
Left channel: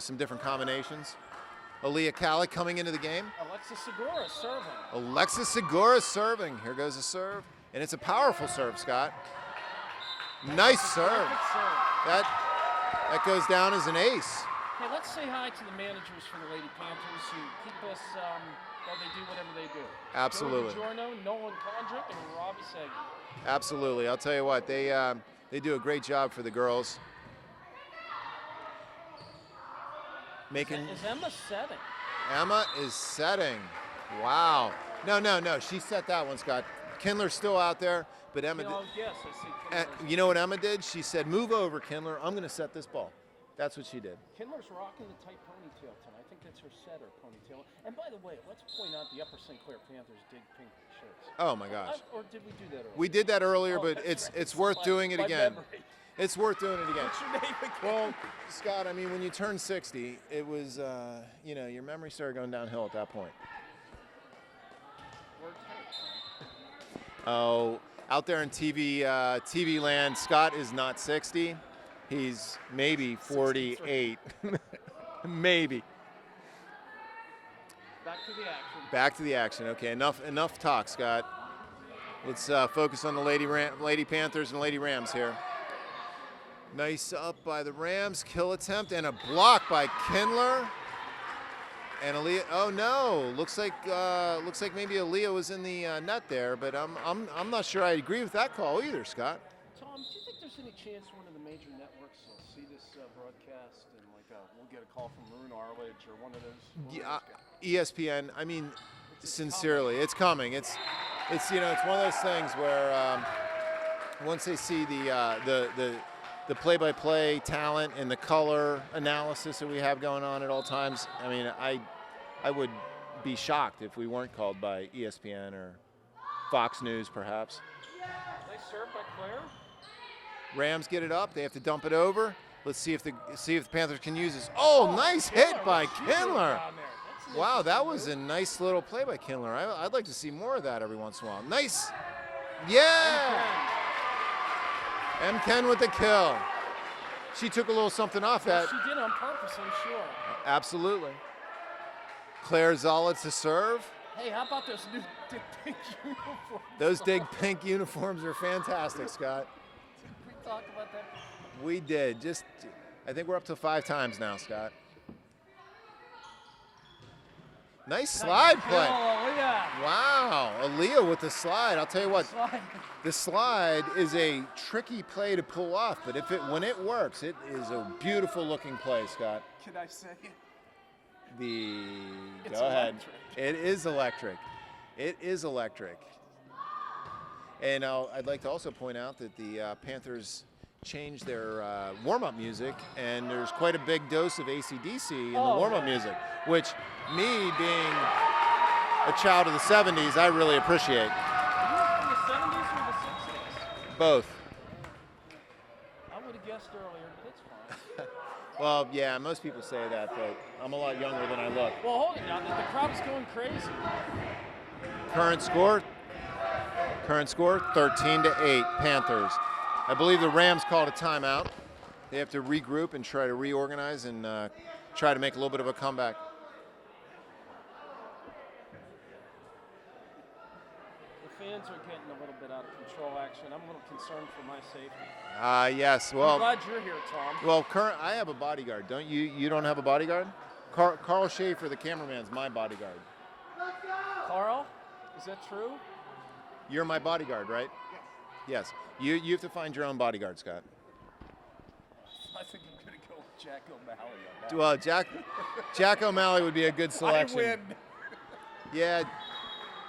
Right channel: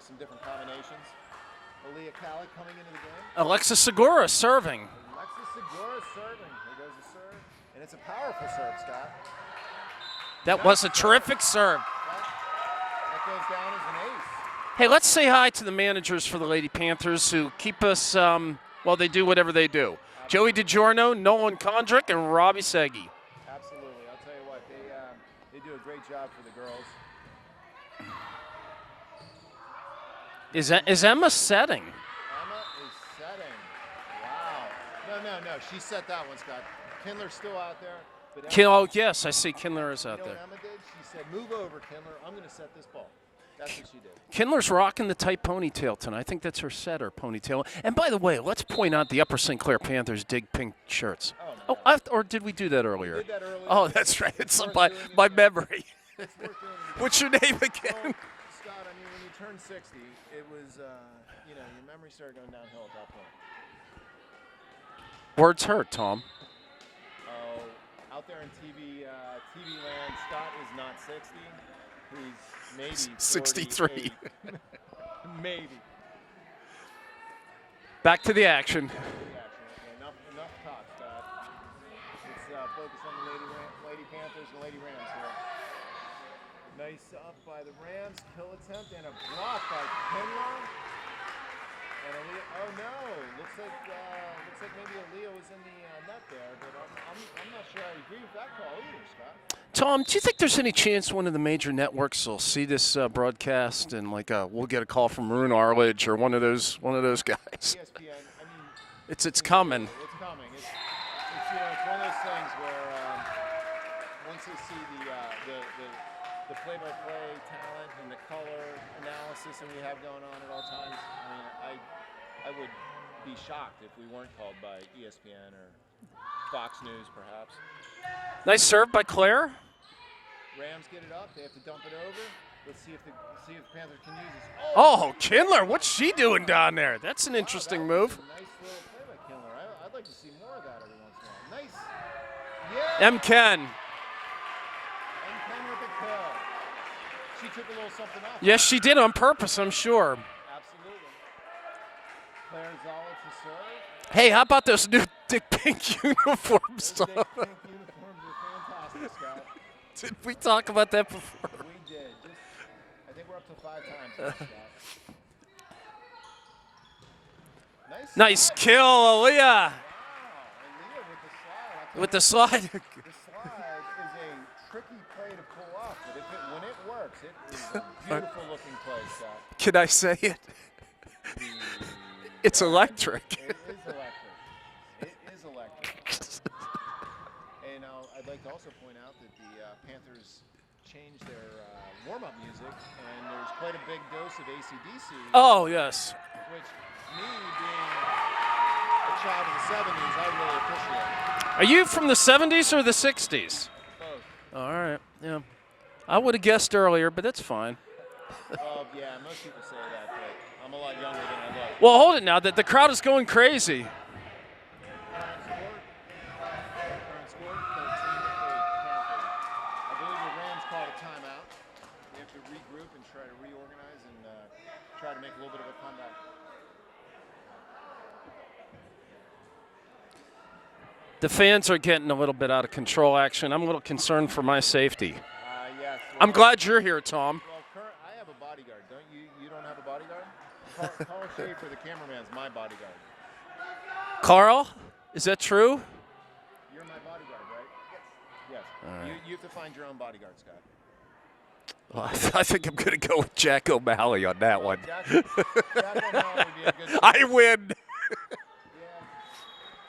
some different combinations. Aaliyah Kalik coming into the game. Alexa Segura serving. Alexis Segura serving. Here goes a serve, and it's a powerful serve, Scott. That Nice was a serve. terrific serve. That goes down as an ace. Hey, let's say hi to the managers for the Lady Panthers who keep us, they do whatever they do. Absolutely. Joey DiGiorno, Nolan Kondrick, and Robbie Segi. Absolutely. I'll tell you what, they do a great job for the girls. Is Emma setting? Emma is setting. Wow. No. She set that one, Scott. Kindler's still out there. But Emma, Oh, yes, I see Kindler is out you know there. what Emma did? She said, move over, Kindler. I'm going to set this ball. That's what she did. Kindler's rocking the tight ponytail tonight. I think that's her setter ponytail. And by the way, let's point out the Upper St. Clair Panthers dig pink shirts. Oh, my God. Or did we do that earlier? We did that earlier. Oh, but that's right. It's worth my, doing it my again. memory. It's worth doing it again. What's your name again? Well, Scott, I mean, when you turn 60, it was, your memory started going downhill at that point. Words hurt, Tom. Oh, out there in TV land, Scott is not 60. He's maybe 63. 48. Maybe. Back to the action. Back to the action. Okay, enough talk, Scott. Let's focus on the Lady Panthers and Lady Rams here. Nice up by the Rams, kill attempt, and a block by Kindler. And Aaliyah, oh no, looks like maybe Aaliyah was in the net there, but I'm not sure I agree with that call either, Scott. Tom, do you think there's any chance one of the major networks will see this broadcast and we'll get a call from Maroon Arledge or one of those guys? ESPN. I mean, it's coming. It's coming. It's it's one of those things where once they see the play-by-play talent and the color analysis that we have going on at all times, I mean, I would be shocked if we weren't called by ESPN or Fox News, perhaps. Nice serve by Claire. Rams get it up. They have to dump it over. Let's see if the Panthers can use this. Oh, nice Kindler, hit by what's she Kindler. Doing down there? That's an interesting that move. was a nice little play by Kindler. I'd like to see more of that every once in a while. Nice. Yeah. M. Ken with the kill. She took a little something off. Yes, that. she did on purpose, I'm sure. Absolutely. Claire Zola to serve. Hey, how about those new Dick Pink uniforms? Those big pink uniforms are fantastic, Scott. Did we talk about that before? We did. I think we're up to 5 times now, Scott. Nice slide kill, Aaliyah. Wow, Aaliyah with the slide. I'll tell you With what. the slide. The slide is a tricky play to pull off, but when it works, it is a beautiful looking play, Scott. Can I say it? It's Go ahead. electric. It is electric. It is electric. And I'd like to also point out that the Panthers changed their warm-up music, and there's quite a big dose of AC/DC in the warm-up music, which me being a child of the 70s, I really appreciate. Are you from the 70s or the 60s? Both. All right, yeah. I would have guessed earlier, but that's fine. Well, yeah, most people say that, but I'm a lot younger than I look. Well, hold it now. The crowd is going crazy. Current score, 13-8, Panthers. I believe the Rams called a timeout. They have to regroup and try to reorganize and try to make a little bit of a comeback. The fans are getting a little bit out of control, action. I'm a little concerned for my safety. Yes. Well, I'm glad you're here, Tom. Well, I have a bodyguard. Don't you? You don't have a bodyguard? Carl Schaefer, the cameraman, is my bodyguard. Carl, is that true? You're my bodyguard, right? Yes. Right. You have to find your own bodyguard, Scott. Well, I think I'm going to go with Jack O'Malley on that one. Jack O'Malley would be a good selection. I win. Yeah.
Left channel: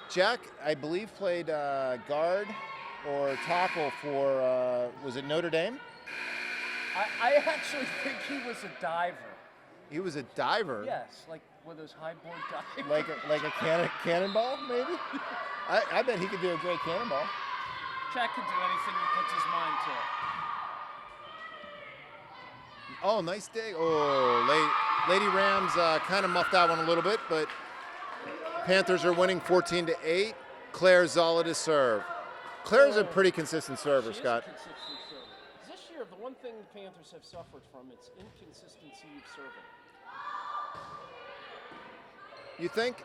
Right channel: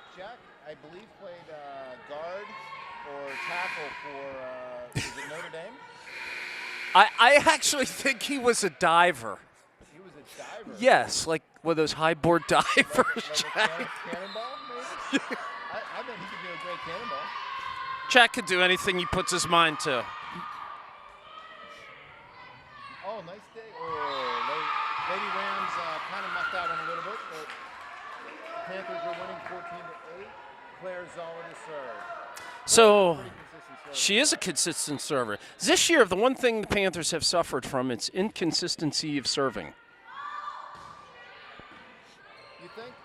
Jack, I believe, played guard or tackle for, was it Notre Dame? I actually think he was a diver. He was a diver? Yes, like one of those high board divers. Like a cannonball, maybe? I bet he could do a great cannonball. Jack could do anything he puts his mind to. Oh, nice dig. Oh, Lady Rams kind of muffed that one a little bit, but Panthers are winning 14-8. Claire Zola to serve. Claire's a pretty consistent server. She is a consistent server. This year, the one thing the Panthers have suffered from, it's inconsistency of serving. You think?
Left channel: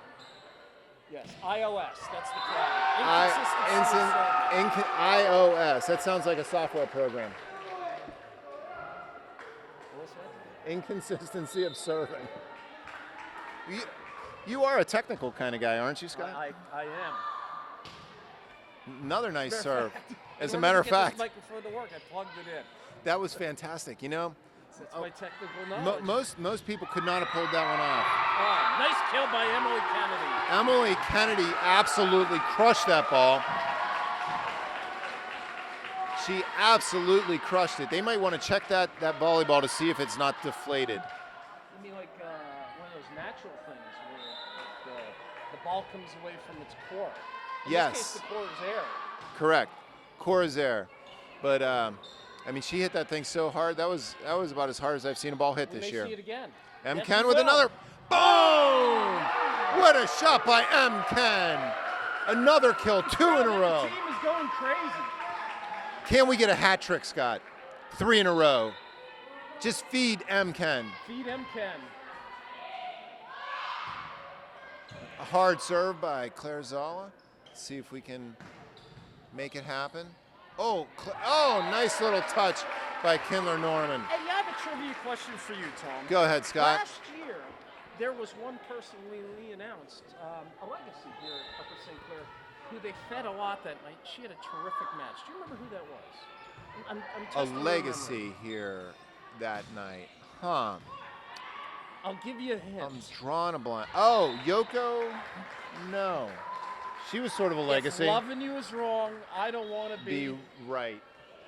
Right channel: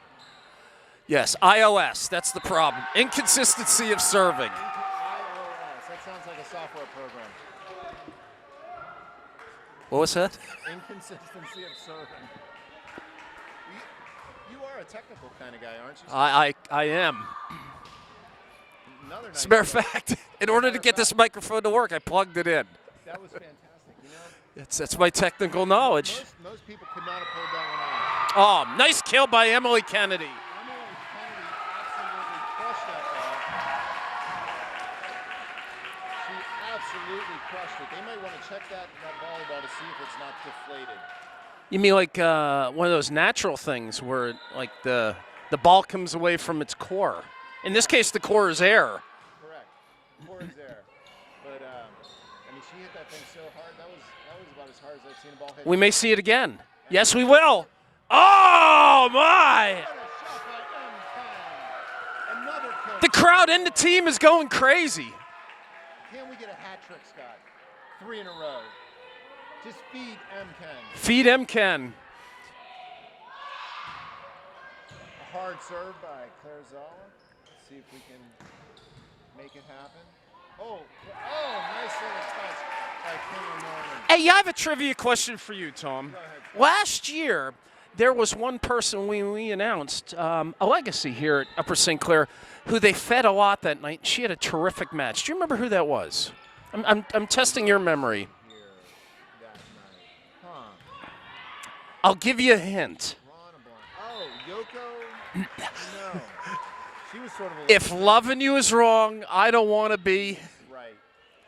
Yes, iOS, that's the problem. Inconsistency of serving. iOS, that sounds like a software program. What was that? Inconsistency of serving. You are a technical kind of guy, aren't you, Scott? I am. Another nice As a matter of serve. fact, in order to get this microphone to work, I plugged it in. That was fantastic, you know? That's my technical knowledge. Most people could not have pulled that one off. Oh, nice kill by Emily Kennedy. Emily Kennedy absolutely crushed that ball. She absolutely crushed it. They might want to check that volleyball to see if it's not deflated. You mean like one of those natural things where like the ball comes away from its core? In this case, the core is air. Correct. Core is air. But, I mean, she hit that thing so hard. That was about as hard as I've seen a ball hit. We may see it again. M. Yes, Ken we will. Oh, my! What a shot by M. Ken. Another kill. The crowd and the team is going crazy. Can we get a hat trick, Scott? 3 in a row. Just feed M. Ken. Feed M. Ken. A hard serve by Claire Zola. Let's see if we can make it happen. Oh, nice little touch by Kindler Norman. Hey, I have a trivia question for you, Tom. Go ahead, Scott. Last year, there was one person we announced, a legacy here at Upper St. Clair, who they fed a lot that night. She had a terrific match. Do you remember who that was? I'm testing your memory. Here that night, huh? I'll give you a hint. Drawing a blank. Oh, Yoko? No. She was sort of a legacy. If loving you is wrong, I don't want to be. Right.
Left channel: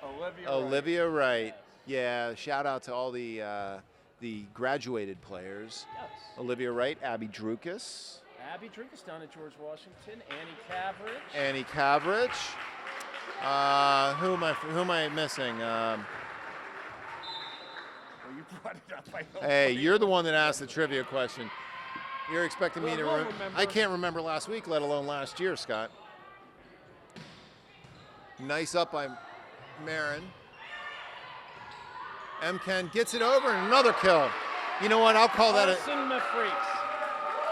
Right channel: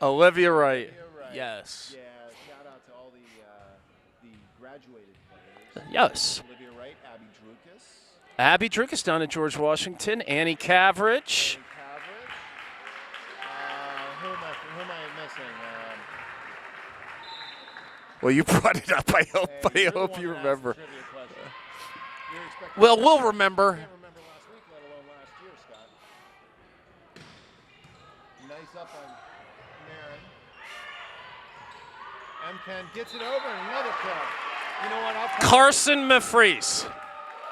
Olivia Wright. Olivia Wright. Yes. Yeah. Shout out to all the graduated players. Yes. Olivia Wright, Abby Drukas. Abby Drukas down at George Washington. Annie Cavrich. Annie Cavrich. Who am I missing? Well, you brought it up. I hope. Hey, you're the one that asked the trivia question. You're expecting. Well, me to we'll remember. I can't remember last week, let alone last year, Scott. Nice up by Marin. Ken gets it over and another kill. You know what? I'll call Carson Mefries.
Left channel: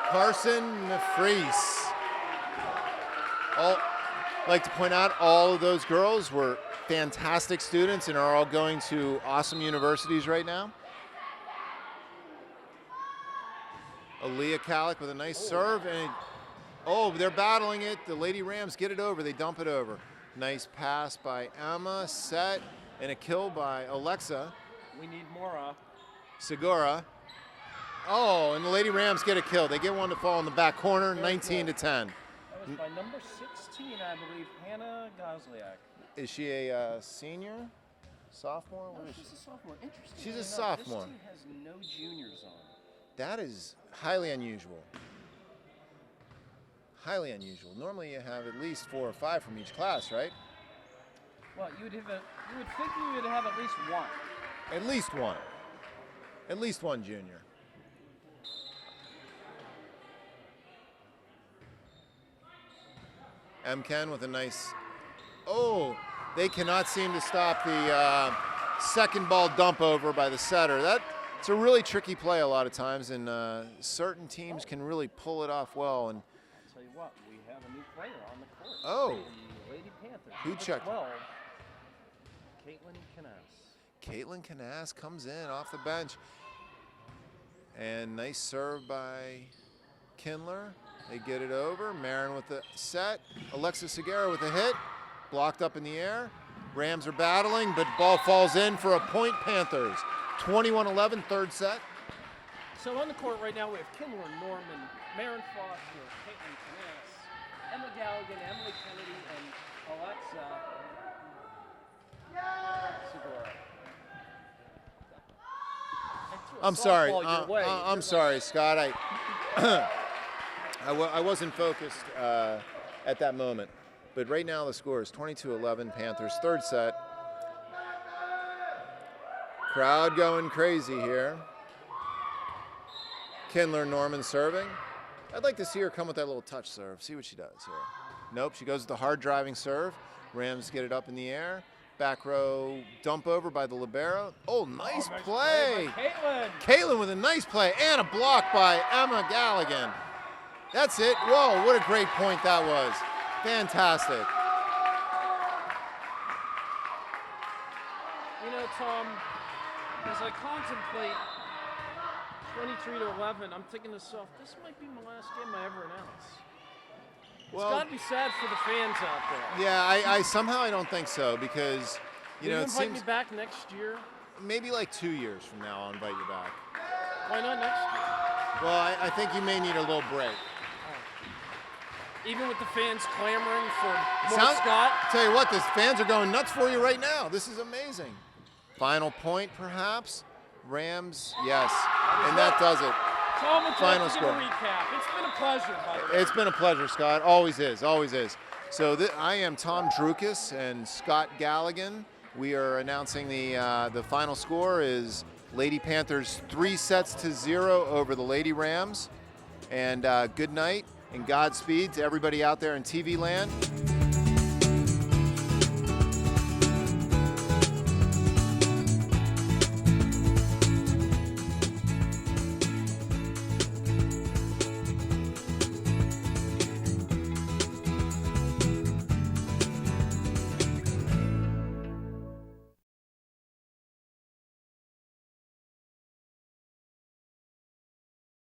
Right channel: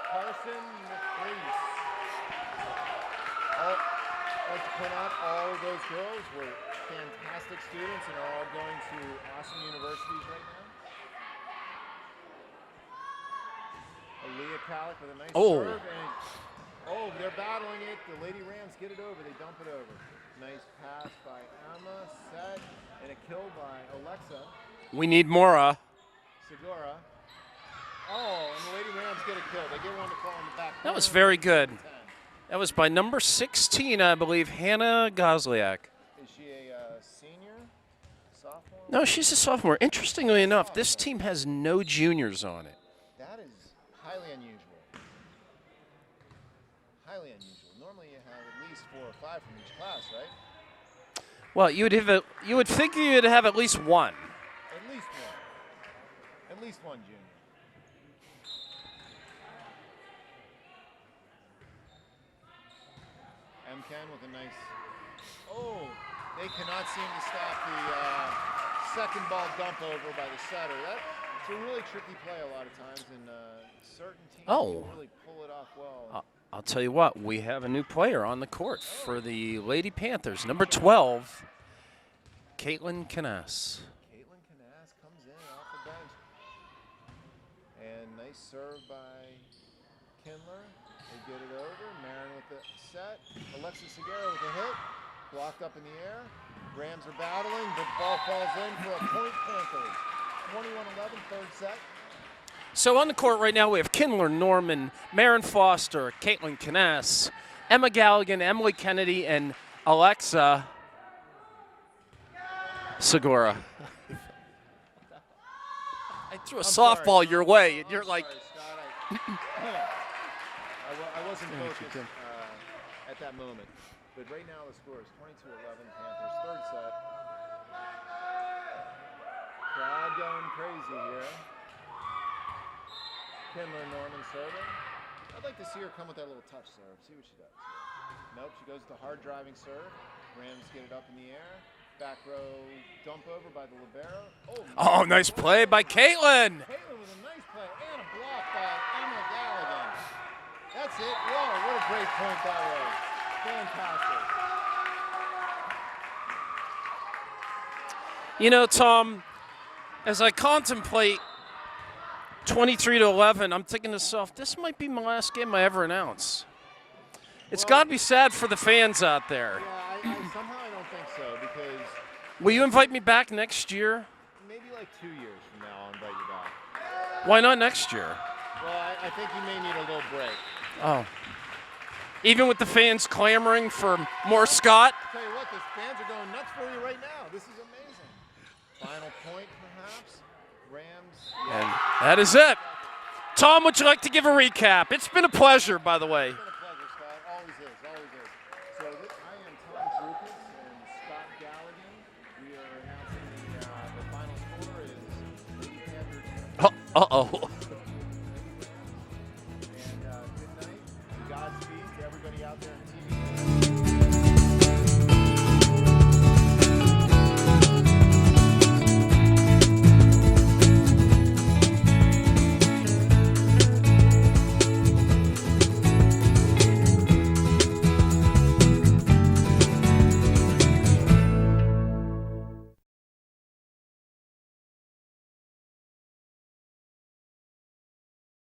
Carson Mefries. I'd like to point out all of those girls were fantastic students and are all going to awesome universities right now. Aaliyah Kalik with a nice serve. And they're battling it. The Lady Rams get it over. They dump it over. Nice pass by Emma, set, and a kill by Alexa. We need Mora. Segura. Oh, and the Lady Rams get a kill. They get one to fall in the back corner. That was very 19 good. To 10. That was by number 16, I believe, Hannah Gosliak. Is she a senior? Sophomore? No, she's a sophomore. Interestingly enough, this Sophomore. team has no juniors on it. That is highly unusual. Highly unusual. Normally you have at least 4 or 5 from each class, right? Well, you would figure you'd have at least one. At least one. At least one junior. Ken with a nice. Oh, they cannot seem to stop the second ball dump over by the setter. It's a really tricky play a lot of times, and certain teams can really pull it off well. And I'll tell you what, we have a new player on the court for the Lady Panthers. Number job. 12, Caitlin Canas. Caitlin Canas comes in off the bench. And nice serve by Kindler. They get it over. Marin with the set. Alexa Segura with a hit. Blocked up in the air. Rams are battling, but ball falls in for a point Panthers. 21-11, third set. So on the court right now, we have Kindler Norman, Marin Foster, Caitlin Canas, Emma Galligan, Emily Kennedy, and Alexa Segura. I threw a softball your way. I'm sorry, Scott. I wasn't focused at that moment. But right now the score is 22-11, Panthers, third set. Crowd going crazy here. Kindler Norman serving. I'd like to see her come with that little touch serve. See what she does here. Nope, she goes with the hard driving serve. Rams get it up in the air. Back row dump over by the libero. Oh, nice play by Caitlin. Caitlin with a nice play and a block by Emma Galligan. That's it. Whoa, what a great point that was. Fantastic. You know, Tom, as I contemplate 23-11, I'm thinking to myself, this might be my last game I ever announce. It's got to be sad for the fans out there. Yeah, I somehow I don't think so because. Will you invite me back next year? Maybe like 2 years from now I'll invite you back. Why not next year? Well, I think you may need a little break. Oh. Even with the fans clamoring for more Scott? Tell you what, the fans are going nuts for you right now. This is amazing. Final point, perhaps. Rams, yes. That is it. That does it. Tom, would you like to Final give score. a recap? It's been a pleasure, by the way. It's been a pleasure, Scott. Always is, always is. So I am Tom Drukas and Scott Galligan. We are announcing the final score is Lady Panthers 3-0 over the Lady Rams. And good night and Godspeed to everybody out there in TV land.